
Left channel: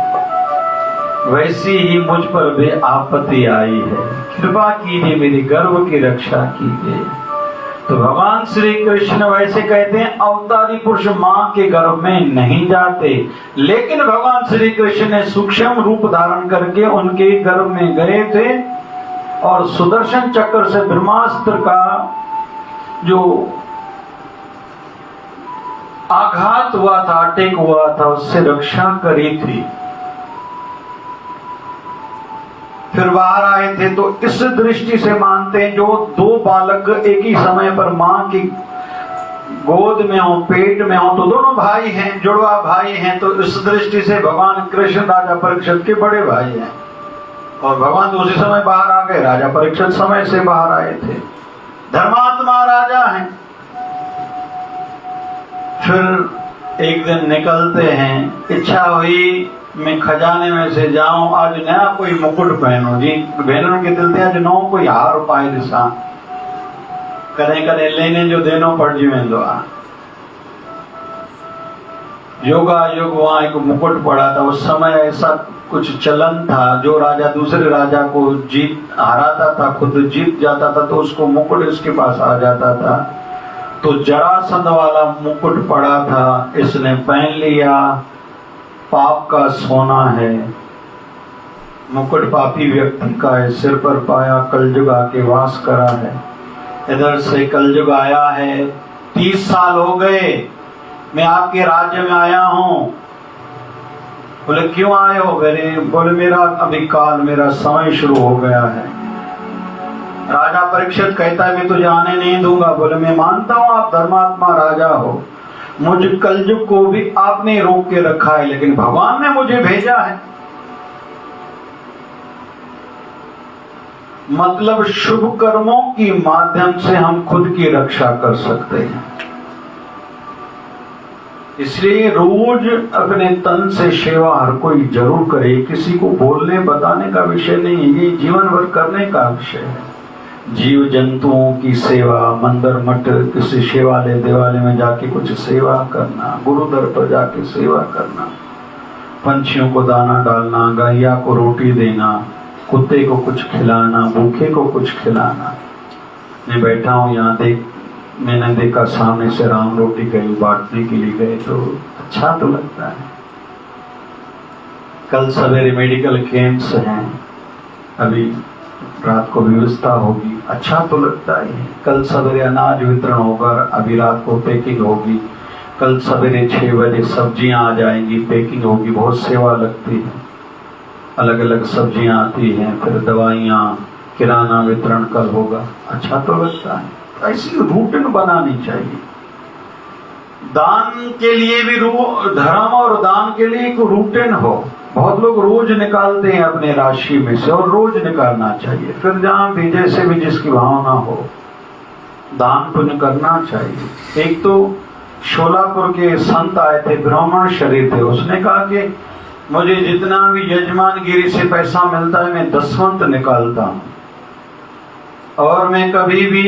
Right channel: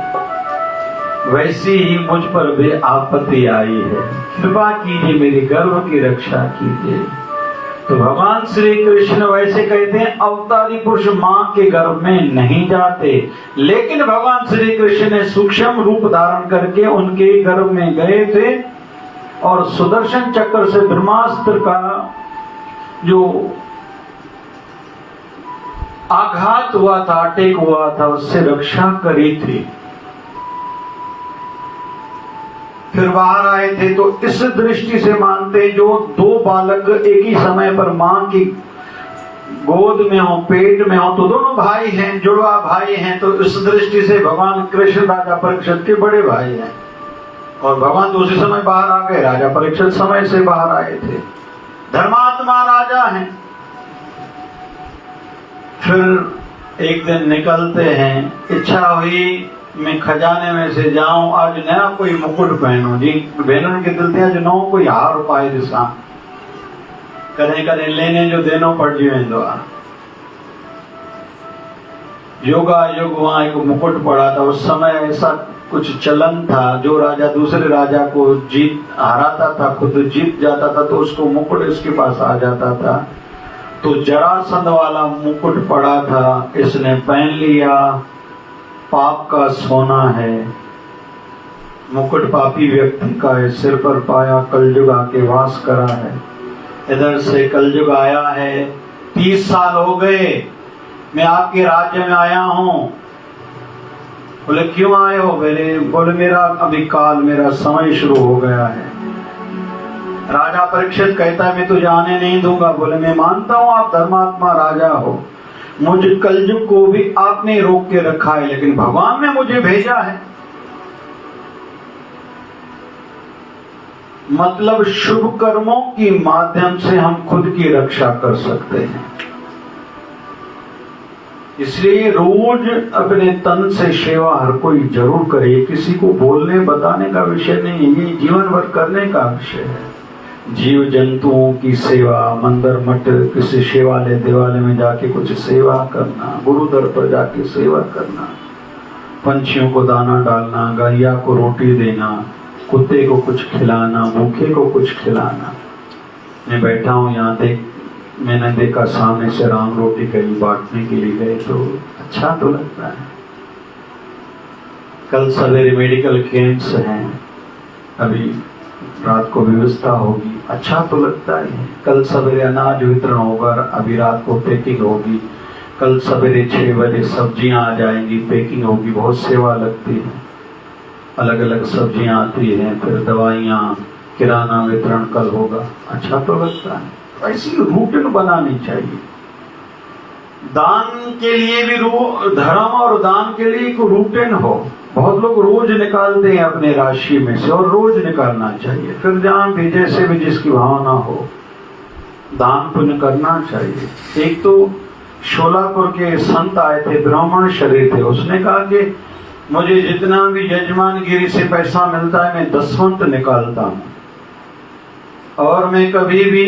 वैसी ही मुझ पर भी आपत्ति आई है, कृपा कीजिए मेरी गर्भ की रक्षा कीजिए। तो भगवान श्री कृष्ण वैसे कहते हैं अवतारी पुरुष मां के गर्भ में नहीं जाते, लेकिन भगवान श्री कृष्ण ने सूक्ष्म रूप धारण करके उनके गर्भ में गए थे और सुदर्शन चक्र से ब्रह्मास्त्र का जो आघात हुआ था, अटैक हुआ था, उससे रक्षा करी थी। फिर बाहर आए थे। तो इस दृष्टि से मानते हैं जो दो बालक एक ही समय पर मां की गोद में हो, पेट में हो, तो दोनों भाई हैं, जुड़वा भाई हैं। तो इस दृष्टि से भगवान कृष्ण राजा परीक्षित के बड़े भाई हैं और भगवान दूसरे समय बाहर आ गए, राजा परीक्षित समय से बाहर आए थे। धर्मात्मा राजा हैं। फिर एक दिन निकलते हैं, इच्छा हुई मैं खजाने में से जाऊं, आज नया कोई मुकुट पहनो जी। बहनों के दिल थे आज नो कोई हार पाई दिशा करें करें लेने जो देनो पड़ जीवेंदो। योगा योग वहां एक मुकुट पड़ा था। उस समय ऐसा कुछ चलन था, जो राजा दूसरे राजा को जीत हराता था, खुद जीत जाता था, तो उसको मुकुट इसके पास आ जाता था। तो जरासंध वाला मुकुट पड़ा था, इसने पहन लिया। पाप का सोना है, मुकुट पापी व्यक्ति का है, सिर पर पाया, कलयुग आके वास करा है। इधर से कलयुग आया है, 30 साल हो गए मैं आपके राज्य में आया हूं। बोले क्यों आए हो? बोले मेरा अभी काल, मेरा समय शुरू हो गया है। राजा परीक्षित कहता है मैं तुझे आने नहीं दूंगा। बोले मैं मानता हूं आप धर्मात्मा राजा हो, मुझ कलयुग को भी आपने रोक के रखा है, लेकिन भगवान ने मुझे भेजा है। मतलब शुभ कर्मों के माध्यम से हम खुद की रक्षा कर सकते हैं। इसलिए रोज अपने तन से सेवा हर कोई जरूर करे। किसी को बोलने बताने का विषय नहीं, ये जीवन भर करने का विषय है। जीव जंतुओं की सेवा, मंदिर मठ किसी शिवालय देवालय में जाके कुछ सेवा करना, गुरुदर पर जाके सेवा करना, पंछियों को दाना डालना, गैया को रोटी देना, कुत्ते को कुछ खिलाना, भूखे को कुछ खिलाना। मैं बैठा हूँ यहाँ, मैंने देखा सामने से राम रोटी कहीं बांटने के लिए गए, तो अच्छा तो लगता है। कल सवेरे मेडिकल कैंप्स हैं, अभी रात को व्यवस्था होगी, अच्छा तो लगता है। कल सवेरे अनाज वितरण होगा, अभी रात को पैकिंग होगी। कल सवेरे 6 बजे सब्जियां आ जाएंगी, पैकिंग होगी, बहुत सेवा लगती है। अलग अलग सब्जियां आती हैं, फिर दवाइयां, किराना वितरण कल होगा, अच्छा तो लगता है। ऐसी रूटीन बनानी चाहिए। दान के लिए भी धर्म और दान के लिए एक रूटीन हो। बहुत लोग रोज निकालते हैं अपने राशि में से, और रोज निकालना चाहिए। फिर जहां भी जैसे भी जिसकी भावना हो, दान पुण्य करना चाहिए। एक तो शोलापुर के संत आए थे, ब्राह्मण शरीर थे, उसने कहा कि मुझे जितना भी यजमानगिरी से पैसा मिलता है मैं दसवंत निकालता हूं, और मैं कभी भी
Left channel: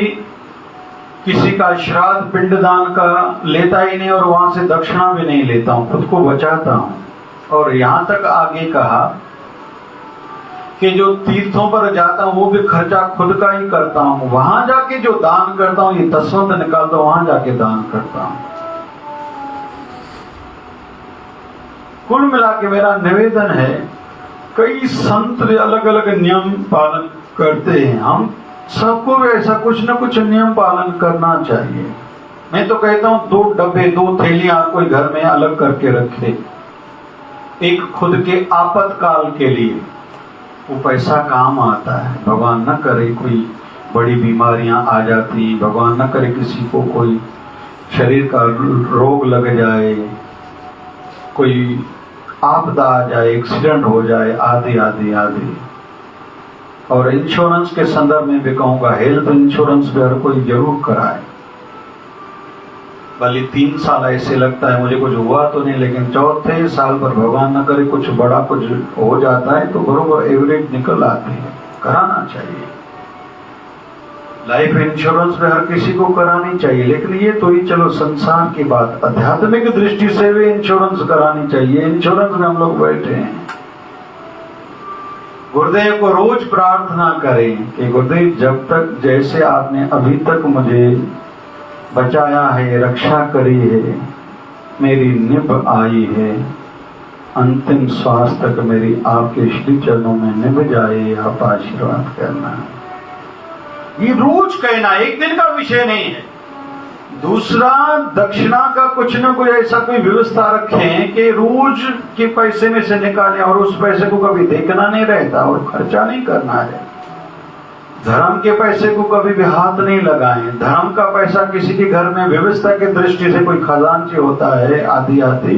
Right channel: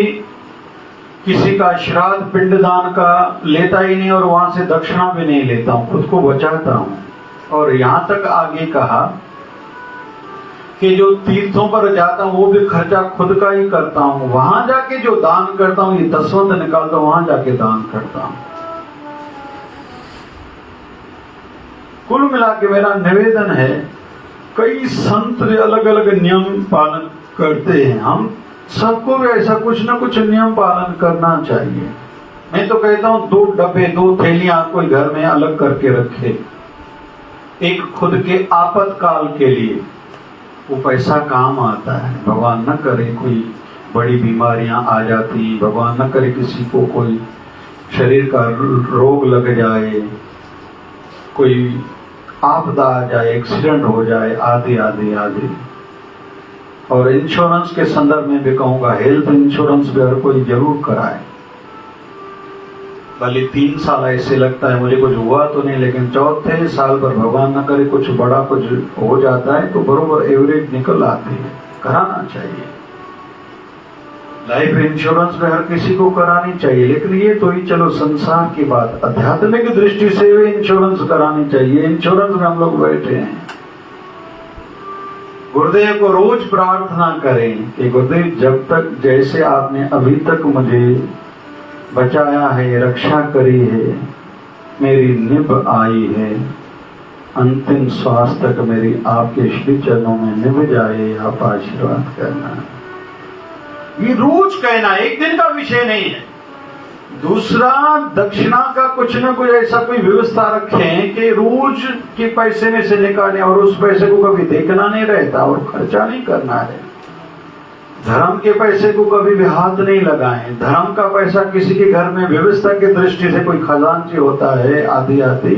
किसी का श्राद्ध पिंडदान का लेता ही नहीं, और वहां से दक्षिणा भी नहीं लेता हूं, खुद को बचाता हूं। और यहां तक आगे कहा कि जो तीर्थों पर जाता हूं वो भी खर्चा खुद का ही करता हूं, वहां जाके जो दान करता हूं, ये दसवंत निकालता हूं, वहां जाके दान करता हूं। कुल मिला के मेरा निवेदन है, कई संत अलग अलग नियम पालन करते हैं, हम सबको भी ऐसा कुछ न कुछ नियम पालन करना चाहिए। मैं तो कहता हूं 2 डब्बे 2 थैलियां कोई घर में अलग करके रखे, एक खुद के आपातकाल के लिए, वो पैसा काम आता है। भगवान न करे कोई बड़ी बीमारियां आ जाती, भगवान न करे किसी को कोई शरीर का रोग लग जाए, कोई आपदा आ जाए, एक्सीडेंट हो जाए, आदि आदि आदि। और इंश्योरेंस के संदर्भ में भी कहूंगा, हेल्थ इंश्योरेंस भी हर कोई जरूर कराए। भले 3 साल ऐसे लगता है मुझे कुछ हुआ तो नहीं, लेकिन 4थे साल पर भगवान न करे कुछ बड़ा कुछ हो जाता है तो बरोबर एवरेज निकल आते हैं, कराना चाहिए। लाइफ इंश्योरेंस भी हर किसी को करानी चाहिए, लेकिन ये तो ही चलो संसार की बात, आध्यात्मिक दृष्टि से भी इंश्योरेंस करानी चाहिए। इंश्योरेंस में हम लोग बैठे हैं। गुरुदेव को रोज प्रार्थना करें कि गुरुदेव जब तक जैसे आपने अभी तक मुझे बचाया है, रक्षा करी है, मेरी निभ आई है, अंतिम श्वास तक मेरी आपके श्री चरणों में निभ जाए, आप आशीर्वाद करना। ये रोज कहना, एक दिन का विषय नहीं है। दूसरा, दक्षिणा का कुछ न कुछ ऐसा कोई व्यवस्था रखें कि रोज के पैसे में से निकालें, और उस पैसे को कभी देखना नहीं रहता और खर्चा नहीं करना है। धर्म के पैसे को कभी भी हाथ नहीं लगाएं। धर्म का पैसा किसी के घर में व्यवस्था की दृष्टि से कोई खजांची होता है, आदि आदि,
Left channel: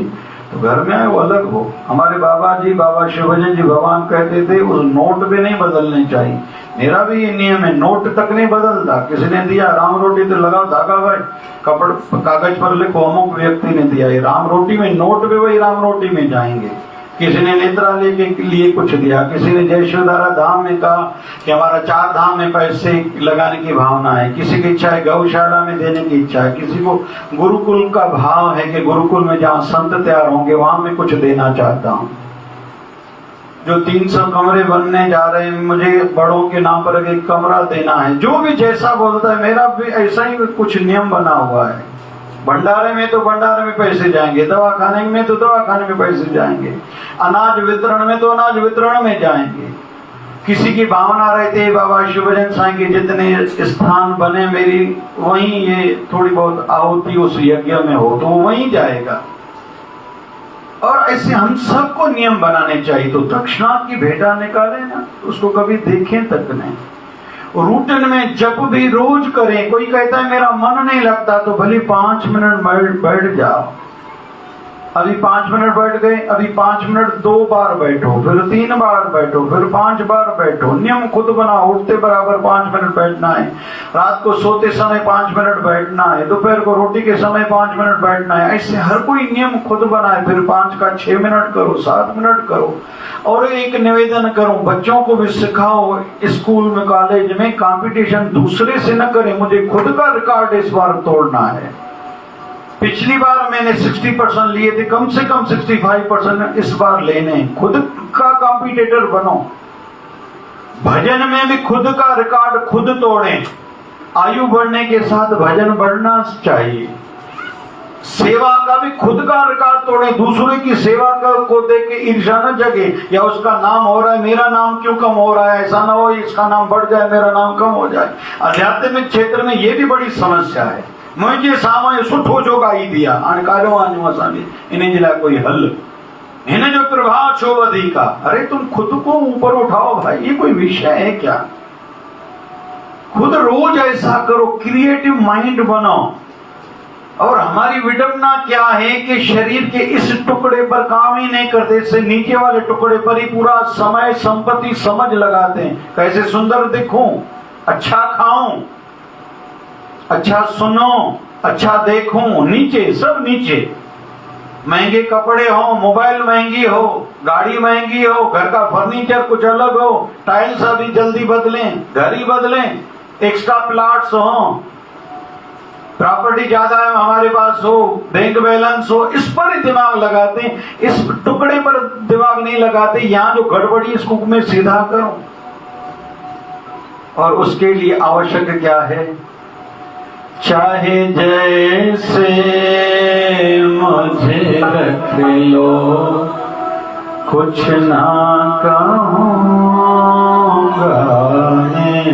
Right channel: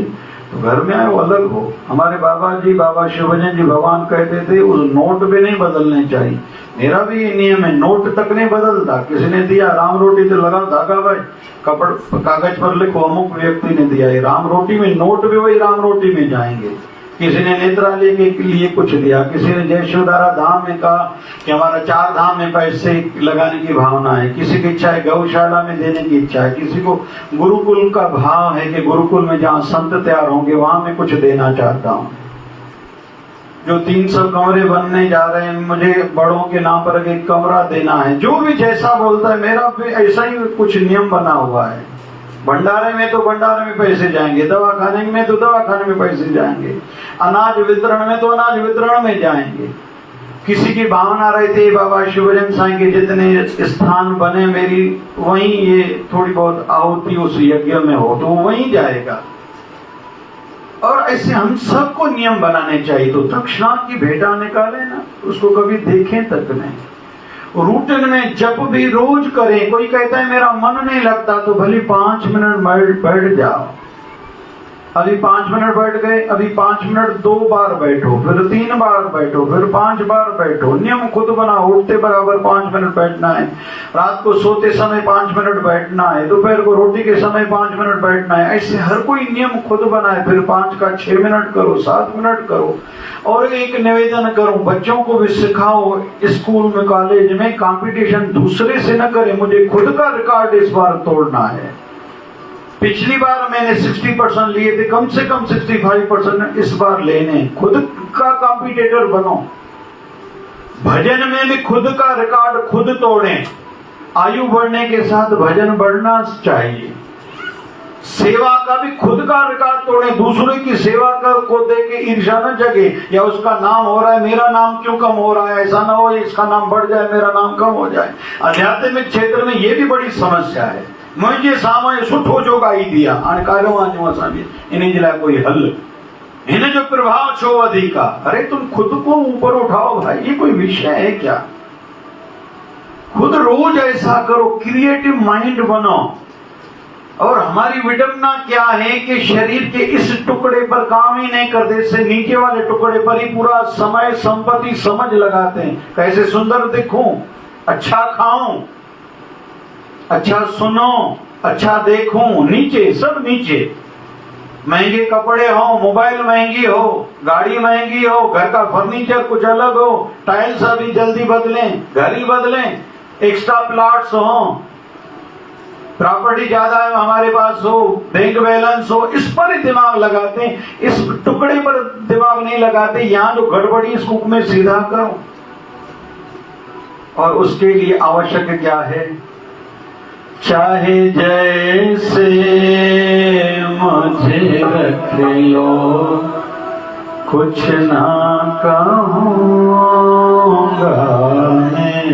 तो घर में वो अलग हो। हमारे बाबा जी, बाबा शिवजन जी भगवान कहते थे उस नोट भी नहीं बदलने चाहिए। मेरा भी ये नियम है, नोट तक नहीं बदलता। किसी ने दिया राम रोटी तो लगाओ धागा भाई, कागज पर लिखो अमुक व्यक्ति ने दिया, ये राम रोटी में, नोट भी वही राम रोटी में जाएंगे। किसी ने नेत्रालय के लिए कुछ दिया, किसी ने जयशोधारा धाम में कहा कि हमारा 4 धाम में पैसे लगाने की भावना है, किसी की इच्छा है गौशाला में देने की इच्छा है, किसी को गुरुकुल का भाव है कि गुरुकुल में जहाँ संत तैयार होंगे वहां में कुछ देना चाहता हूँ। जो 300 कमरे बनने जा रहे हैं, मुझे बड़ों के नाम पर एक कमरा देना है। जो भी जैसा बोलता है, मेरा भी ऐसा ही कुछ नियम बना हुआ है। भंडारे में तो भंडारे में पैसे जाएंगे, दवाखाने में तो दवाखाने में पैसे जाएंगे, अनाज वितरण में तो अनाज वितरण में जाएंगे। किसी की भावना रहती है बाबा शिवजन साईं के जितने स्थान बने मेरी, वहीं ये थोड़ी बहुत आहुति उस यज्ञ में हो तो वहीं जाएगा। और ऐसे हम सबको नियम बनाने चाहिए। तो दक्षिणा की भेंटा निकाले ना, उसको कभी देखें तक नहीं। रूटीन में जब भी रोज करें। कोई कहता है मेरा मन नहीं लगता, तो भले 5 मिनट बैठ जाओ। अभी 5 मिनट बैठ गए, अभी 5 मिनट 2 बार बैठो, फिर 3 बार बैठो, फिर 5 बार बैठो। नियम खुद बनाओ। उठते बराबर 5 मिनट बैठना है, रात को सोते समय 5 मिनट बैठना है, दोपहर को रोटी के समय 5 मिनट बैठना है। ऐसे हर कोई नियम खुद बनाए। फिर 5 का 6 मिनट करो, 7 मिनट करो। और एक निवेदन करो, बच्चों को भी सिखाओ, स्कूल में कॉलेज में कंपटीशन दूसरे से न करें, मुझे खुद का रिकॉर्ड इस बार तोड़ना है। पिछली बार मैंने 60% लिए थे, कम से कम 65% इस बार लेने। खुद का कॉम्पिटिटर बनो। भजन में भी खुद का रिकॉर्ड खुद तोड़ें। आयु बढ़ने के साथ भजन बढ़ना चाहिए। सेवा का भी खुद का रिकॉर्ड तोड़े। दूसरे की सेवा को देख के ईर्ष्या न जगे, या उसका नाम हो रहा है मेरा नाम क्यों कम हो रहा है, ऐसा ना हो इसका नाम बढ़ जाए मेरा नाम कम हो जाए। आध्यात्मिक क्षेत्र में ये भी बड़ी समस्या है। मुझे सामने सुठो जो गाई दिया हाणे कालो आने असांजे इन्हें जिला कोई हल इन जो प्रभाव छो अधिका। अरे तुम खुद को ऊपर उठाओ भाई, ये कोई विषय है क्या? खुद रोज ऐसा करो, क्रिएटिव माइंड बनाओ। और हमारी विडंबना क्या है कि शरीर के इस टुकड़े पर काम ही नहीं करते, इससे नीचे वाले टुकड़े पर ही पूरा समय संपत्ति समझ लगाते हैं। कैसे सुंदर दिखूं, अच्छा खाऊं, अच्छा सुनो, अच्छा देखूं, नीचे सब नीचे। महंगे कपड़े हो, मोबाइल महंगी हो, गाड़ी महंगी हो, घर का फर्नीचर कुछ अलग हो, टाइल्स अभी जल्दी बदलें, घर ही बदलें, एक्स्ट्रा प्लॉट्स हो, प्रॉपर्टी ज्यादा है हमारे पास हो, बैंक बैलेंस हो, इस पर ही दिमाग लगाते हैं, इस टुकड़े पर दिमाग नहीं लगाते। यहाँ जो गड़बड़ी इसको में सीधा करो। और उसके लिए आवश्यक क्या है? चाहे जैसे मुझे रख लो, कुछ ना कहूँगा मैं,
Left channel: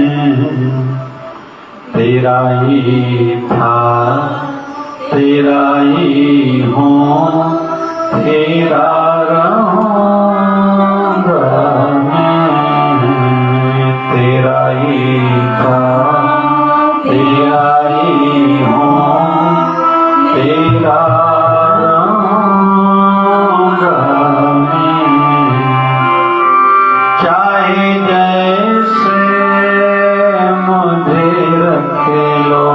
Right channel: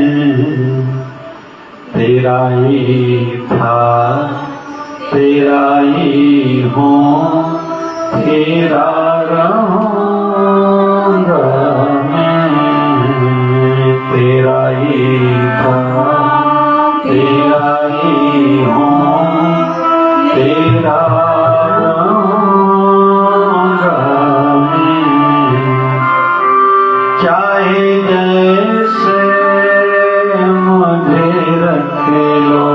तेरा ही था तेरा ही हूँ, तेरा रहूँगा मैं, तेरा ही था तेरा ही हूँ, तेरा रहूँगा मैं। चाहे जैसे मुझे रख लो,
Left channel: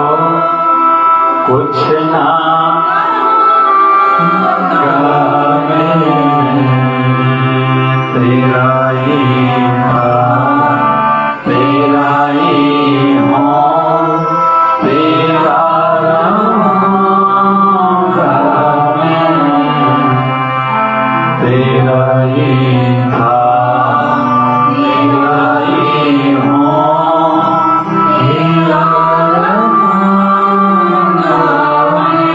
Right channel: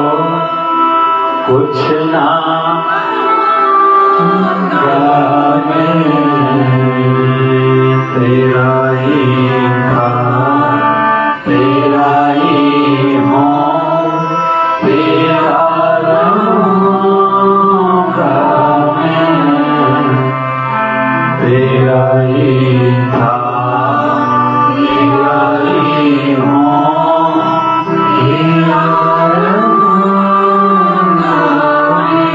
कुछ ना मैं, तेरा ही था तेरा ही हूँ, तेरा रहूँगा मैं, तेरा ही था तेरा ही हूँ, तेरा रहूँगा मैं।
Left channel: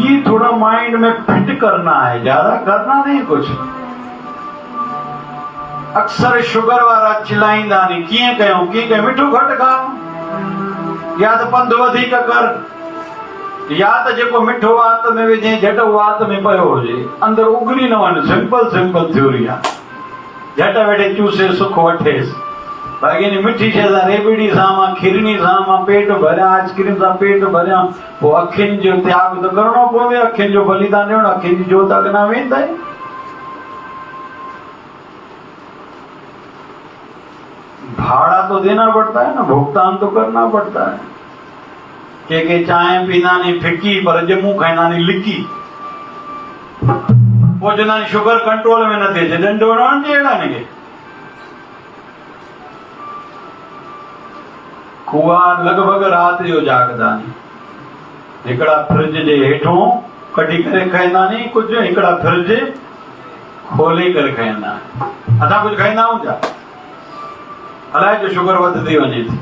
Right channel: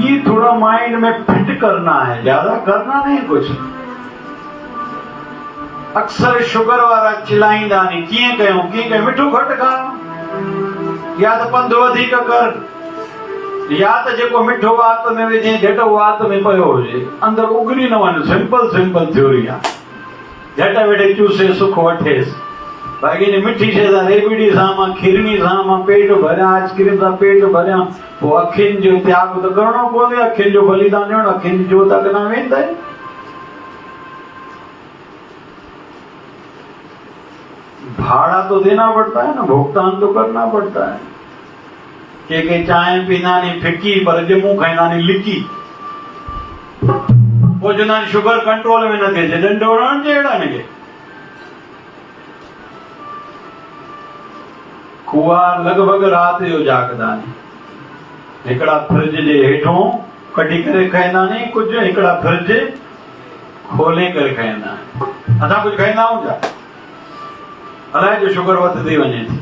ये थोड़ा माइंड में फिट करना है, ज्यादा करना नहीं कुछ। अक्सर शुगर वाला चिल्लाईंदा नहीं, कीअं कयूं कीअं कयूं, मिठो घटि खाओ, या त पंधु वधीक कर, या त जेको मिठो वात में विझे झटि वात में पियो हुजे, अंदरि उगरी न वञे। सिंपल थ्योरी आहे। झटि वेठे चूसे सुख वठेसि। बाक़ी मिठी शइ सां, रेबड़ी सां मां, खीरनी सां मां पेट भरियां, आइस्क्रीम सां पेट भरियां, पोइ अखियुनि जो त्याग त करणो पवंदो। अखियुनि जो बलिदान ॾियणो, अखियुनि जी जोत अॻियां वेंदा। भाड़ा तो देना पड़ता है ना, भुगतान तो करना पड़ता है। के चाय पीना नहीं फिकी, पर जमू खाईंदा नहीं लिकी। वो चवंदा आहिनि शुगर कंट्रोल में न थिए, डंडो हणण जहिड़ा ने। कुआ लॻभॻि राति जो जागदा आहिनि। हिकिड़ा फ्रिज जे हेठों कढी करे खाईंदा नहीं कुछ, हिकिड़ा फ्रिज खोले करे खाईंदा आहिनि। असां कुछ खाईंदा आहियूं छा? अलाए जो शुगर वधंदी वञे थी।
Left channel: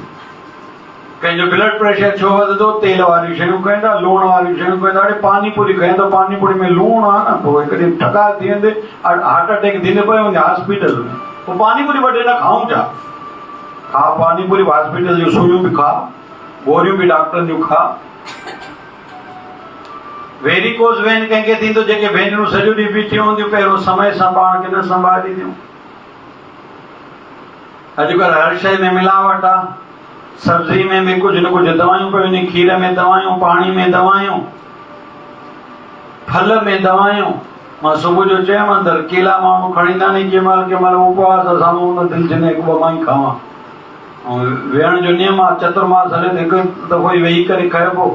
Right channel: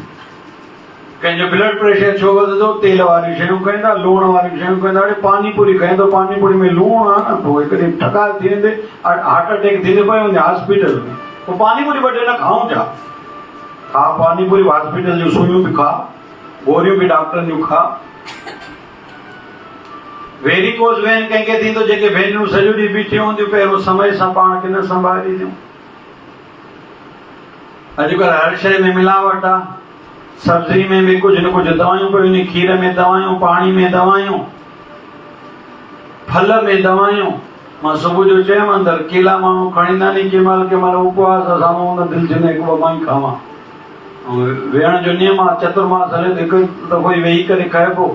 कंहिंजो ब्लड प्रेशर छो वधंदो? तेल वारी शयूं खाईंदा, लूण वारी शयूं खाईंदा। हाणे पानी पूरी खाईंदो, पानी पूरी में लूण आहे न, पोइ हिकिड़ी ठकार थी वेंदे, हार्ट अटैक थींदे पियो वञे हॉस्पिटल में। पोइ पानी पूरी वठे न खाऊं छा? खा पानी पूरी, हॉस्पिटल जूं सुइयूं बि खा, गोरियूं बि डॉक्टर जूं खा। वेरिकोस वेन कंहिंखे थींदो, जेके भेनरूं सॼो ॾींहुं बीठियूं हूंदियूं, पहिरियों समय सां पाण खे न संभालींदियूं। अॼुकल्ह हर शइ में मिलावट आहे। सब्जी में भी कुछ न कुछ दवाइयूं पियूं आहिनि, खीर में दवाइयूं, पाणी में दवाइयूं, फल में दवाइयूं। मां सुबुह जो चयमि अंदरि केला माण्हू खणींदा नहीं, कंहिं महिल उपवास असां हुन दिलि थींदो हिकु ॿ मां ई खावां। वेहण जो नियम आहे, चतुर्मास हले त हिकु दफ़ो ई वेही करे खाइबो।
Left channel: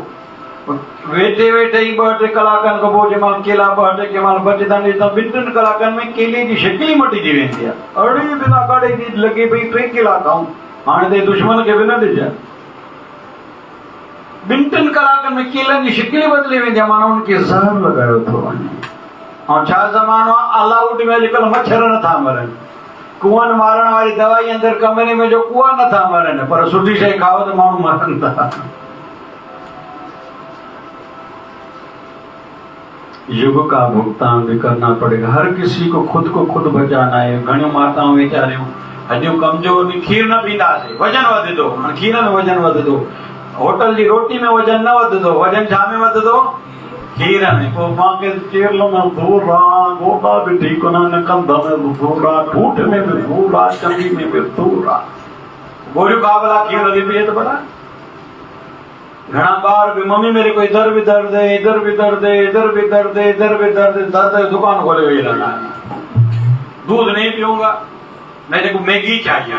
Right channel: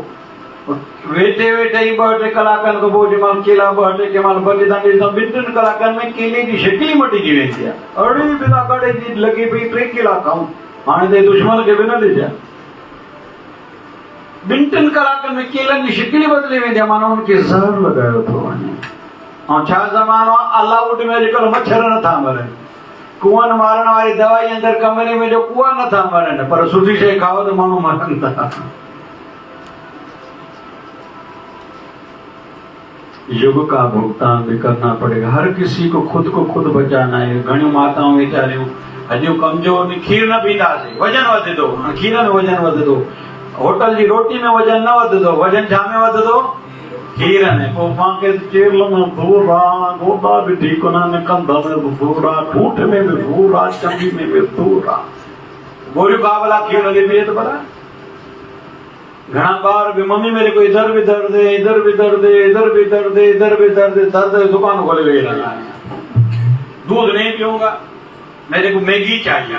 वेठे वेठे ई 2-3 कलाकनि खां पोइ जंहिं महिल केला 2-2 कंहिं महिल बचंदा ॾिसंदा, 2-3 कलाकनि में केले जी शिकिल ई मटिजी वेंदी आहे। अड़ी बिना काढ़े जी लॻे पई 3 केला खाऊं, हाणे त दुश्मन खे बि न ॾिजां। बिंटन कलाक में केलन की शिकली बदली वेंदी आहे, माना उनखे ज़हर लगायो थो वञे। ऐं छा ज़मानो आहे, ऑल आउट में अॼुकल्ह मच्छर नथा मरनि, कुअनि मारण वारी दवाई अंदरि कमरे में जो कुआ नथा मरनि, पर सुठी शइ खाओ त माण्हू मरनि था। युग का भुगतान भी करना पड़ेगा, हर किसी को खुद बचाना है। घणियूं माताऊं वीचारियूं हॾियूं कमज़ोर, खीर न पींदासीं वजन वधंदो, खीर में वजन वधंदो, होटल जी रोटी में वजन न वधंदो, वजन छा में वधंदो, खीर में। पोइ मां खे चेरल में सूर आहे, गोॾा बि ठीकु न आहिनि, कंध में बि सूर आहे, ठूठ में बि सूर आहे, चंडी में बि सूर आहे, गोरियूं बाबला खीर लॻी पई त भला। घणा बार भी मम्मी मेरे को इधर भी दर्द है, इधर भी दर्द है, इधर भी दर्द है, इधर भी दर्द है, दर्द दुकान खोले हुए लगा, दूध नहीं पीऊंगा, मेरे को मैगी चाहिए।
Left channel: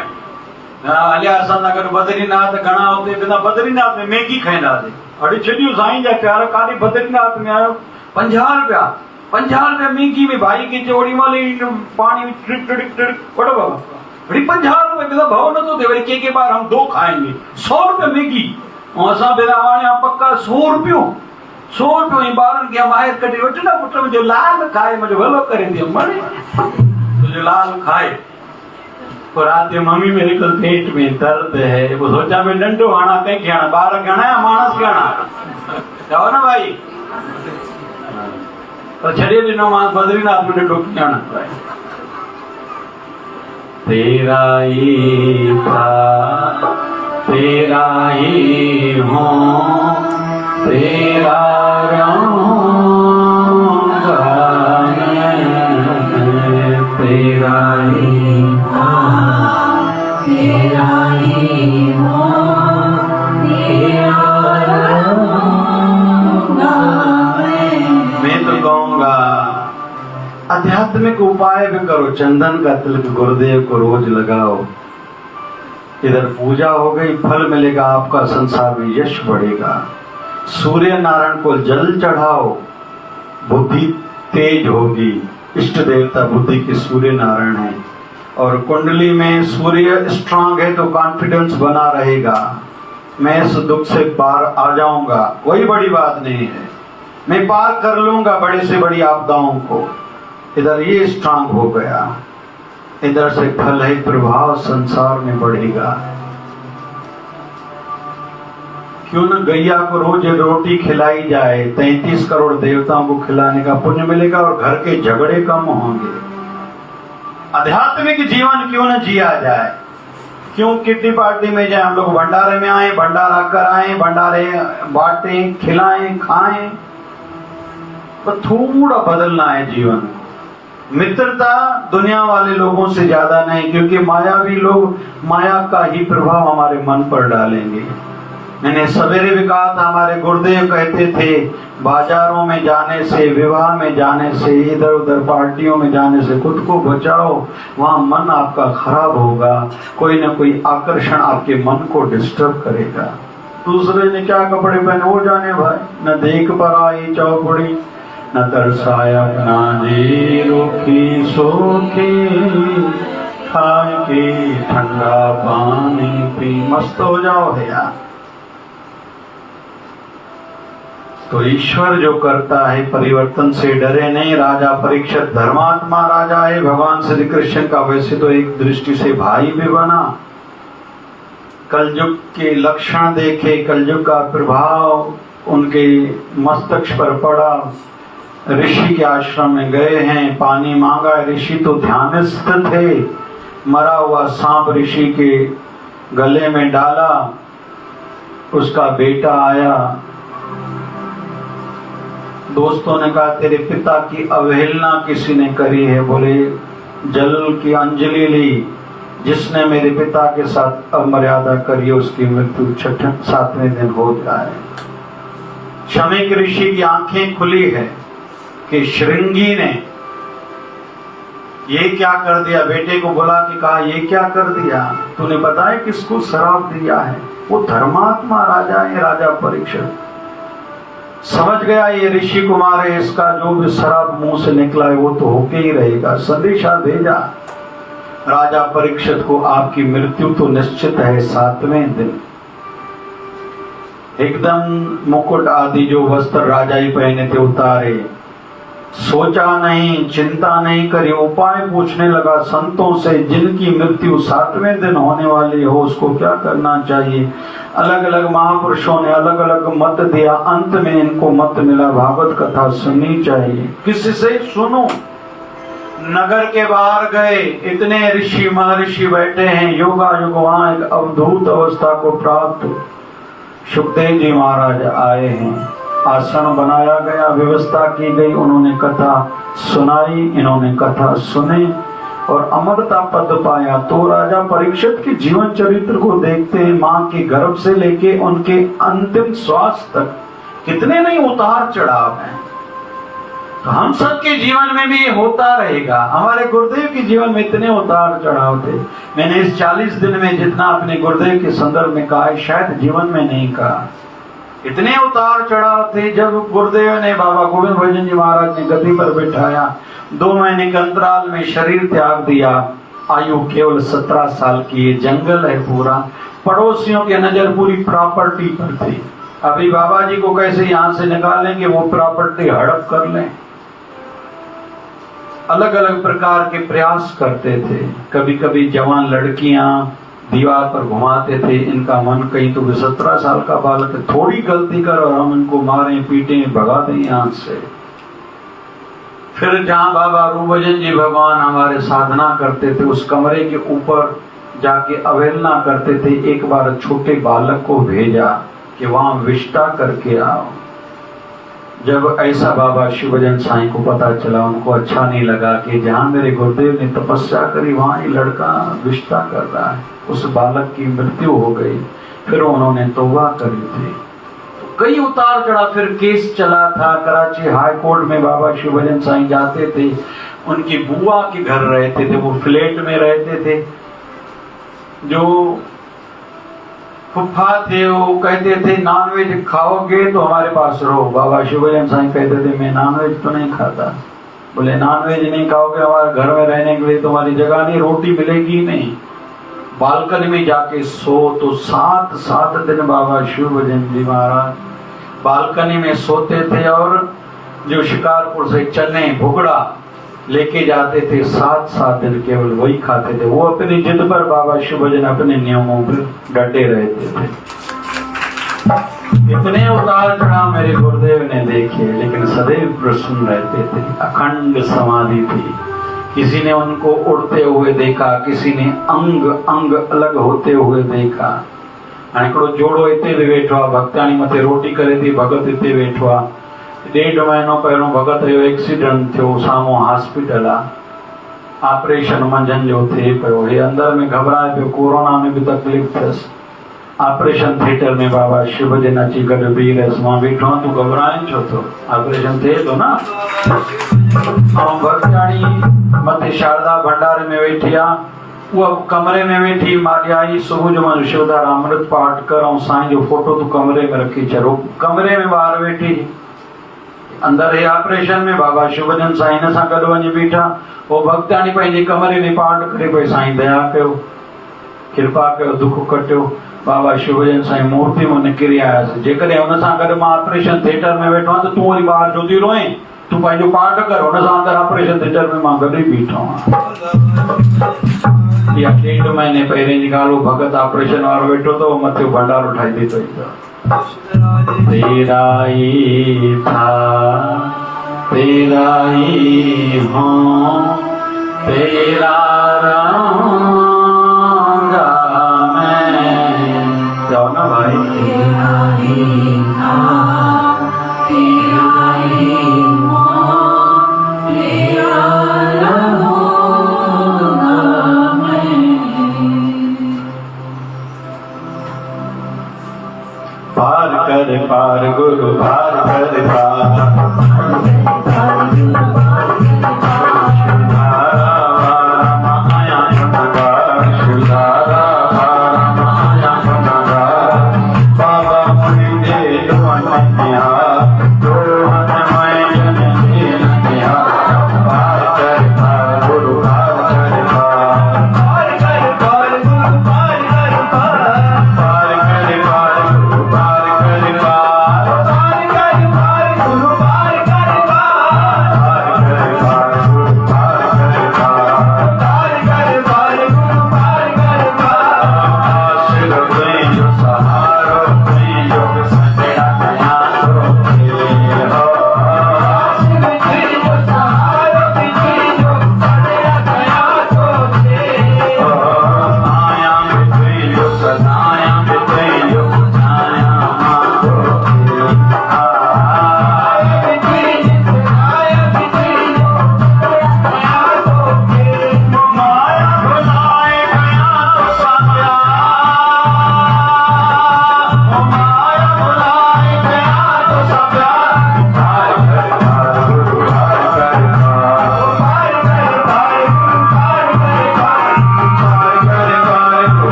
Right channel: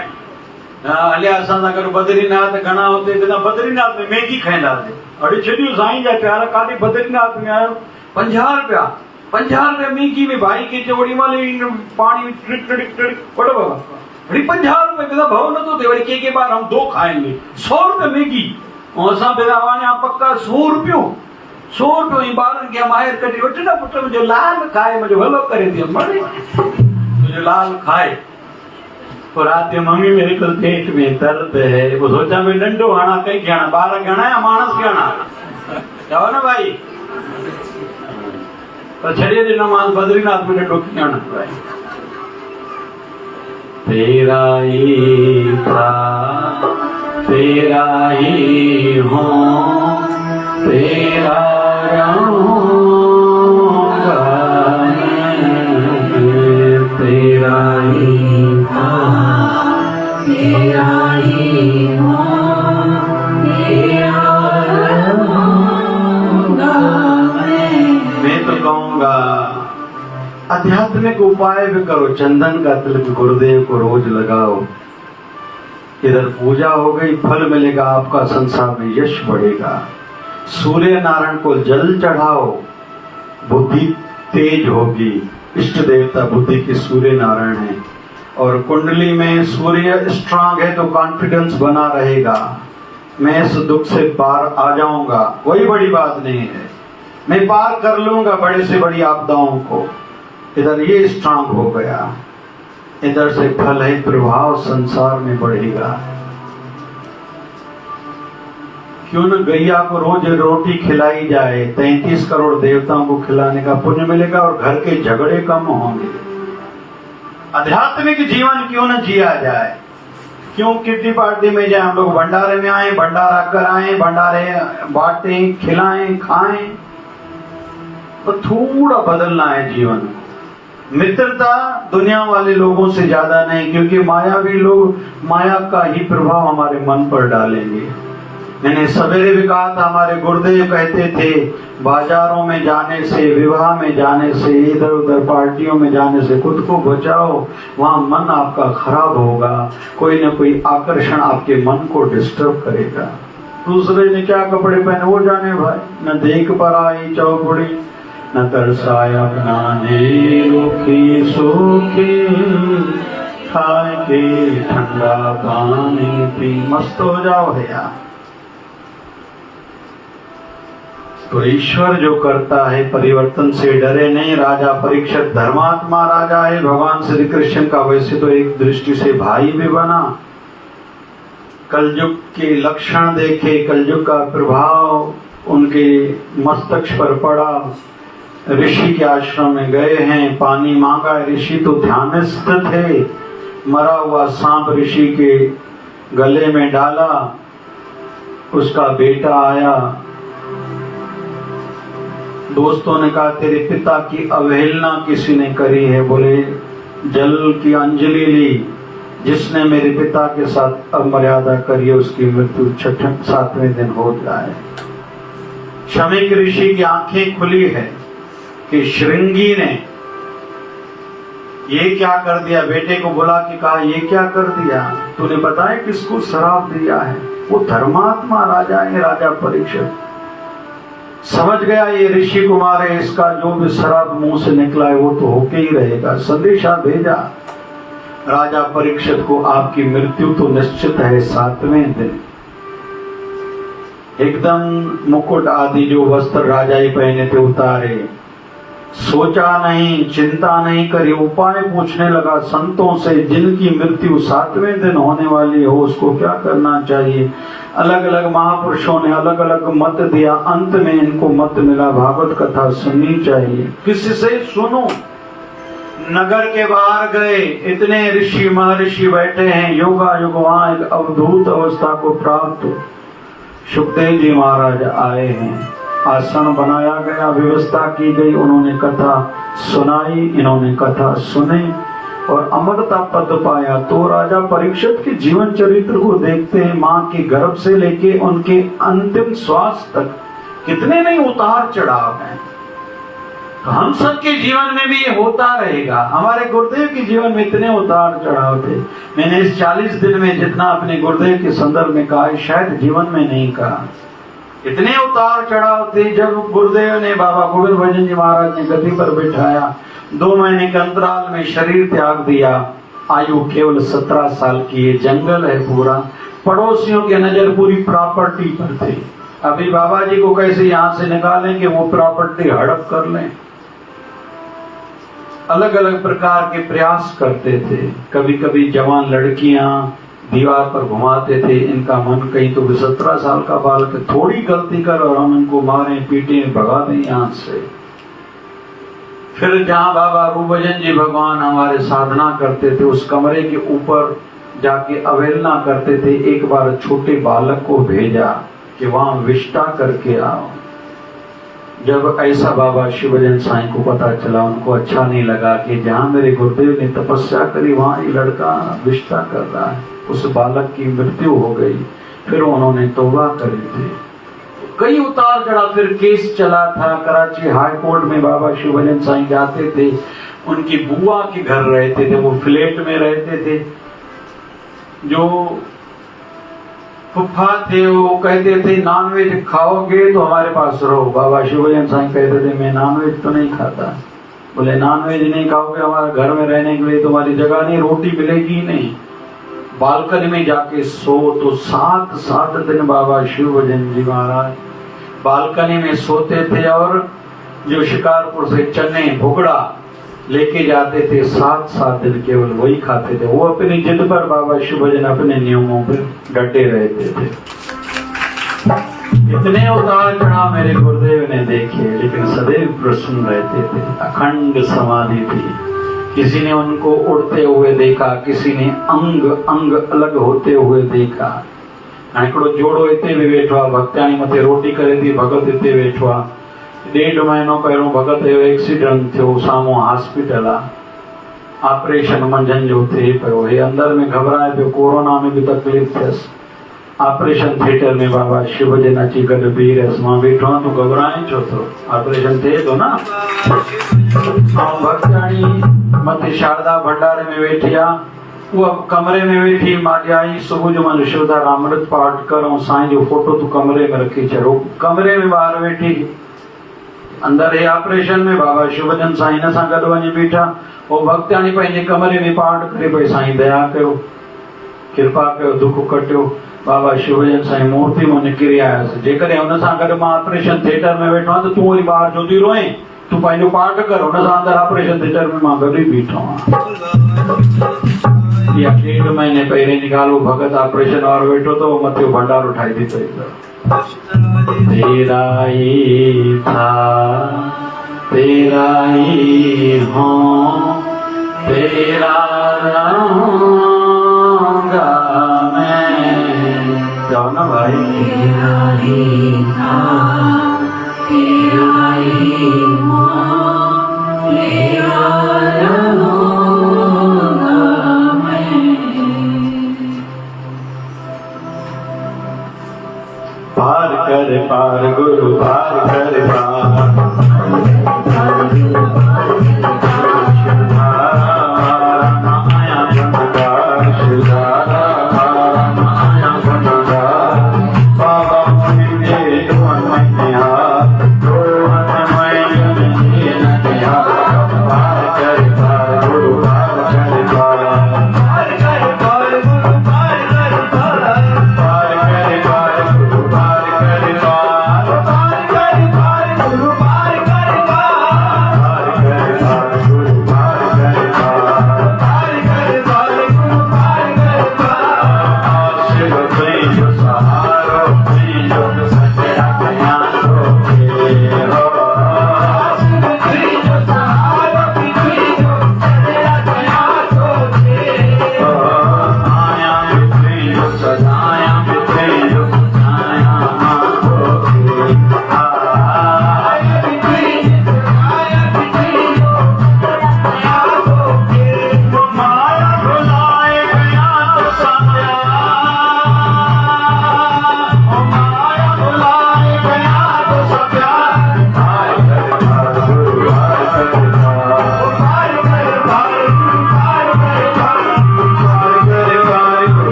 अलिया असां बद्रीनाथ घणा होते, बिना बद्रीनाथ में मैगी खाईंदासीं। अड़ी छॾियो साईं जा प्यार, काॾे बद्रीनाथ में आयो, 50 रुपया मैगी में भाई की चौड़ी माली पानी टिड़िक टिड़िक टिड़िक पड़ो बाबा, अड़ी 50 रुपए बिना भाव न तो दे, वरी के बार हम 2 खाएंगे, 100 रुपए मैगी। असां बिना वाणिया पक्का 100 रुपयो ऐं ॿारनि खे माहिर कढी वठ न, पुट मुंहिंजो लाल खाए, मुंहिंजो भलो करे दियो, मरे तुंहिंजो लाल खाए। पोइ राति जो मम्मी मेरे को पेट में दर्द है, वो सोचा मैं डंडो हणा, कंहिंखे हणा, ॿार घणा या माण्हू खे हणा, चओ न भाई। पर छॾे ॾिनो मां बद्रीनाथ में ॾिठो कीअं हणंदो आहे। तेरा ही था, तेरा ही हूँ, तेरा रहूँगा मैं, तेरा ही था, तेरा ही हूँ, तेरा रहूँगा मैं तो कहूँगा आध्यात्मिक उपाय भी करो, चंदन का तिलक गुरुदेव को रोज लगाओ, इधर पूजा हो गई, फल मिलेगा, आपका संसार में यश बढ़ेगा। सूर्य नारायण को जल चढ़ाओ, बुद्धि तेज होगी, इष्ट देवता बुद्धि की सूर्य नारायण है। और कुंडली में सूर्य स्ट्रांग है तो कॉन्फिडेंस बना रहेगा, मैं इस दुख से पार आ जाऊंगा, कोई बड़ी बात नहीं है, मैं पार कर लूंगा बड़े से बड़ी आपदाओं को। इधर ये स्ट्रांग हो गया, इधर से फल है, प्रभाव संसार में बढ़ेगा। क्यों न गैया को रोज रोटी खिलाई जाए, 33 करोड़ देवताओं को खिलाने का पुण्य मिलेगा और घर के झगड़े कम होंगे। आध्यात्मिक जीवन क्यों न जिया जाए, क्यों किटी पार्टी में जाए, हम लोग भंडारे में आए, भंडारा कराएं, भंडारे बांटें, खिलाएं, खाएं, तो थोड़ा बदलना है जीवन। मित्रता दुनिया वाले लोगों से ज्यादा नहीं, क्योंकि मायावी लोग माया का ही प्रभाव हमारे मन पर डालेंगे। मैंने सवेरे भी कहा था, हमारे गुरुदेव कहते थे, बाजारों में जाने से, विवाह में जाने से, इधर उधर पार्टियों में जाने से खुद को बचाओ, वहां मन आपका खराब होगा, कोई न कोई आकर्षण आपके मन को डिस्टर्ब करेगा। दूसरे ने क्या कपड़े पहने वो जाने भाई, न देख पर आई चौपड़ी, न तरसाया बनाने रोकी सोखे, खाए के ठंडा पानी पी मस्त हो जाओ भैया। तो ईश्वर जो करता है परिवर्तन से डरे नहीं। राजा परीक्षित धर्मात्मा राजा है, भगवान श्री कृष्ण का वैसे तो एक दृष्टि से भाई भी बना। कलयुग के लक्षण देखे, कलयुग का प्रभाव उनके मस्तक पर पड़ा। ऋषि के आश्रम में गए हैं, पानी मांगा, ऋषि तो ध्यानस्थ थे, मरा हुआ सांप ऋषि के गले में डाला, उसका बेटा आया। दोस्तों ने कहा तेरे पिता की अवहेलना किसी ने करी है। बोले जल की अंजलि ली, जिसने मेरे पिता के साथ अमर्यादा करी उसकी मृत्यु 7वें दिन हो जाए। शमीक ऋषि की आंखें खुली है कि श्रृंगी ने ये क्या कर दिया। बेटे को बुला के कहा ये क्या कर दिया, तूने पता है किसको शराप दिया है। वो धर्मात्मा राजा है, राजा परीक्षित समझ गया ये ऋषि कुमार है, इसका जो भी शराप मुंह से निकला है वो तो होके ही रहेगा। संदेशा भेजा राजा परीक्षित को, आपकी मृत्यु तो निश्चित है 7वें दिन। एकदम मुकुट आदि जो वस्त्र राजा ही पहने थे उतारे, सोचा नहीं, चिंता नहीं करी, उपाय पूछने लगा संतों से जिनकी मृत्यु 7वें दिन होने वाली हो उसको क्या करना चाहिए। अलग अलग महापुरुषों ने अलग अलग मत दिया, अंत में इनको मत मिला भागवत कथा सुननी चाहिए। किससे सुनो? नगर के बाहर गए, इतने ऋषि महर्षि बैठे हैं, योगा युग वहां एक अवधूत अवस्था को प्राप्त सुखदेव जी महाराज आए हैं, आसन बनाया गया, व्यवस्था की गई, उन्होंने कथा सुनाई, इन्होंने कथा सुने और अमरता पद पाया। तो राजा परीक्षित के जीवन चरित्र को देखते हैं, मां के गर्भ से लेके उनके अंतिम श्वास तक कितने नहीं उतार चढ़ाव हैं। तो हम सबके जीवन में भी ये होता रहेगा। हमारे गुरुदेव के जीवन में इतने उतार चढ़ाव थे, मैंने इस 40 दिन में जितना अपने गुरुदेव के संदर्भ में कहा है शायद जीवन में नहीं कहा। इतने उतार चढ़ाव थे। जब गुरुदेव ने बाबा गोविंद भजन जी महाराज ने गद्दी पर बिठाया, 2 महीने के अंतराल में शरीर त्याग दिया, आयु केवल 17 साल की, ये जंगल है पूरा, पड़ोसियों की नजर पूरी प्रॉपर्टी पर थी। अभी बाबा जी को कैसे यहाँ से निकालेंगे, वो प्रॉपर्टी हड़प कर लें। अलग अलग प्रकार के प्रयास करते थे। कभी कभी जवान लड़कियां दीवार पर घुमाते थे, इनका मन कहीं तो 17 साल का बालक थोड़ी गलती कर और हम इनको मारे पीटे भगा दें यहाँ से। फिर जहाँ बाबा रूप भजन जी भगवान हमारे साधना करते थे, उस कमरे के ऊपर जाके अवहेलना करते थे। एक बार छोटे बालक को भेजा कि वहां विष्टा करके आओ। जब ऐसा बाबा शिवजन साईं को पता चला, उनको अच्छा नहीं लगा कि जहाँ मेरे गुरुदेव ने तपस्या करी वहां ये लड़का विष्टा कर रहा है। उस बालक की मृत्यु हो गई। फिर उन्होंने तौबा करी थी। कई उतार चढ़ा, फिर केस चला था कराची हाई कोर्ट में। बाबा शिवजन साईं जाते थे, उनकी बुआ के घर रहते थे, वो फ्लैट में रहते थे। जो फुफ्फा थे वो कहते थे नॉनवेज खाओगे तो हमारे पास रहो। बाबा शिवजन साईं कहते थे मैं नॉनवेज तो नहीं खाता। बोले नॉनवेज नहीं खाओगे हमारे घर में रहने के लिए तुम्हारी जगह नहीं, रोटी मिलेगी नहीं, बालकनी में जाके सो। तो 7 दिन बाबा शिवजन जी महाराज बालकनी में सोते थे और जो शिकारपुर से चने भुगड़ा लेके जाते थे, 7 दिन केवल वही खाते थे। वो अपनी जिद पर बाबा शिवजन अपने नियमों पर डटे रहते थे। इतने उतार चढ़ाव मेरे गुरुदेव ने देखे, लेकिन सदैव प्रसन्न रहते थे। अखंड समाधि थी। किसी ने उनको उड़ते हुए देखा, किसी ने अंग अंग अलग होते हुए देखा। हिकिड़ो जोड़ो हिते बि वेठो आहे, भक्ताणी मथे रोटी करे थी, भगत हिते वेठो आहे। 1.5 महीनो पहिरियों भगत जो एक्सीडेंट थियो, साम्हूं हॉस्पिटल आहे, ऑपरेशन मंझंदि जो थिए पियो। हे अंदर में घबराए पियो, कोरोना में भी तकलीफ़ थियसि। ऑपरेशन थिएटर में बाबा शिवजन अची गॾु बीह रहियसि। मां वेठो आहियां, तूं घबराए छो थो? ऑपरेशन थिए थो न। ऐं भक्ताणी मथे शारदा भंडारे में वेठी आहे, उहा कमरे में वेठी। मां ॾियाई सुबुह जो मां शिवदार अमृत पाठ कर ऐं साईं जो फोटो तूं कमरे में रखी छॾो। कमरे में ॿाहिरि वेठी, अंदर हे ऑपरेशन में बाबा शिवजन साईं हिन सां गॾु वञी बीठा। वो भक्ताणी पंहिंजे कमरे में पाठ करे पई, साईं दया कयो, कृपा कयो, दुख कटियो। बाबा शिवजन साईं मूर्ति में निकिरी आयासीं। जेकॾहिं हुन सां गॾु मां ऑपरेशन थिएटर में वेठो आहियां त तूं वरी ॿाहिरि छो थी रोए? तूं पंहिंजो पाठ कर। हुन सां अंदरि ऑपरेशन थिएटर में मां गॾु ई बीठो आहियां। इहा 1.5 महीने पहिरें जी ॻाल्हि। भगत ऑपरेशन वारो वेठो तो मथे भंडारो ठाही थी पई। तेरा ही था, तेरा ही हूँ, तेरा रहूँगा मैं। जाओ ना भाई। तेरा ही था, तेरा ही हूँ, तेरा रहूँगा मैं। पार कर पार गुरु पार कर पार।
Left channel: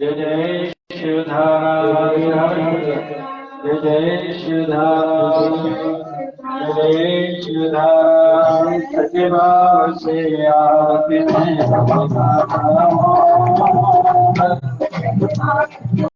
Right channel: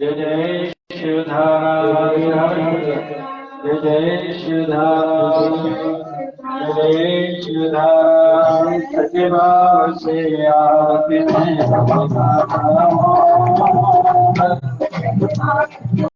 जय जय शिवधाम, जय जय शिवधाम, जय जय शिवधाम। सच्चे भाव से आते हैं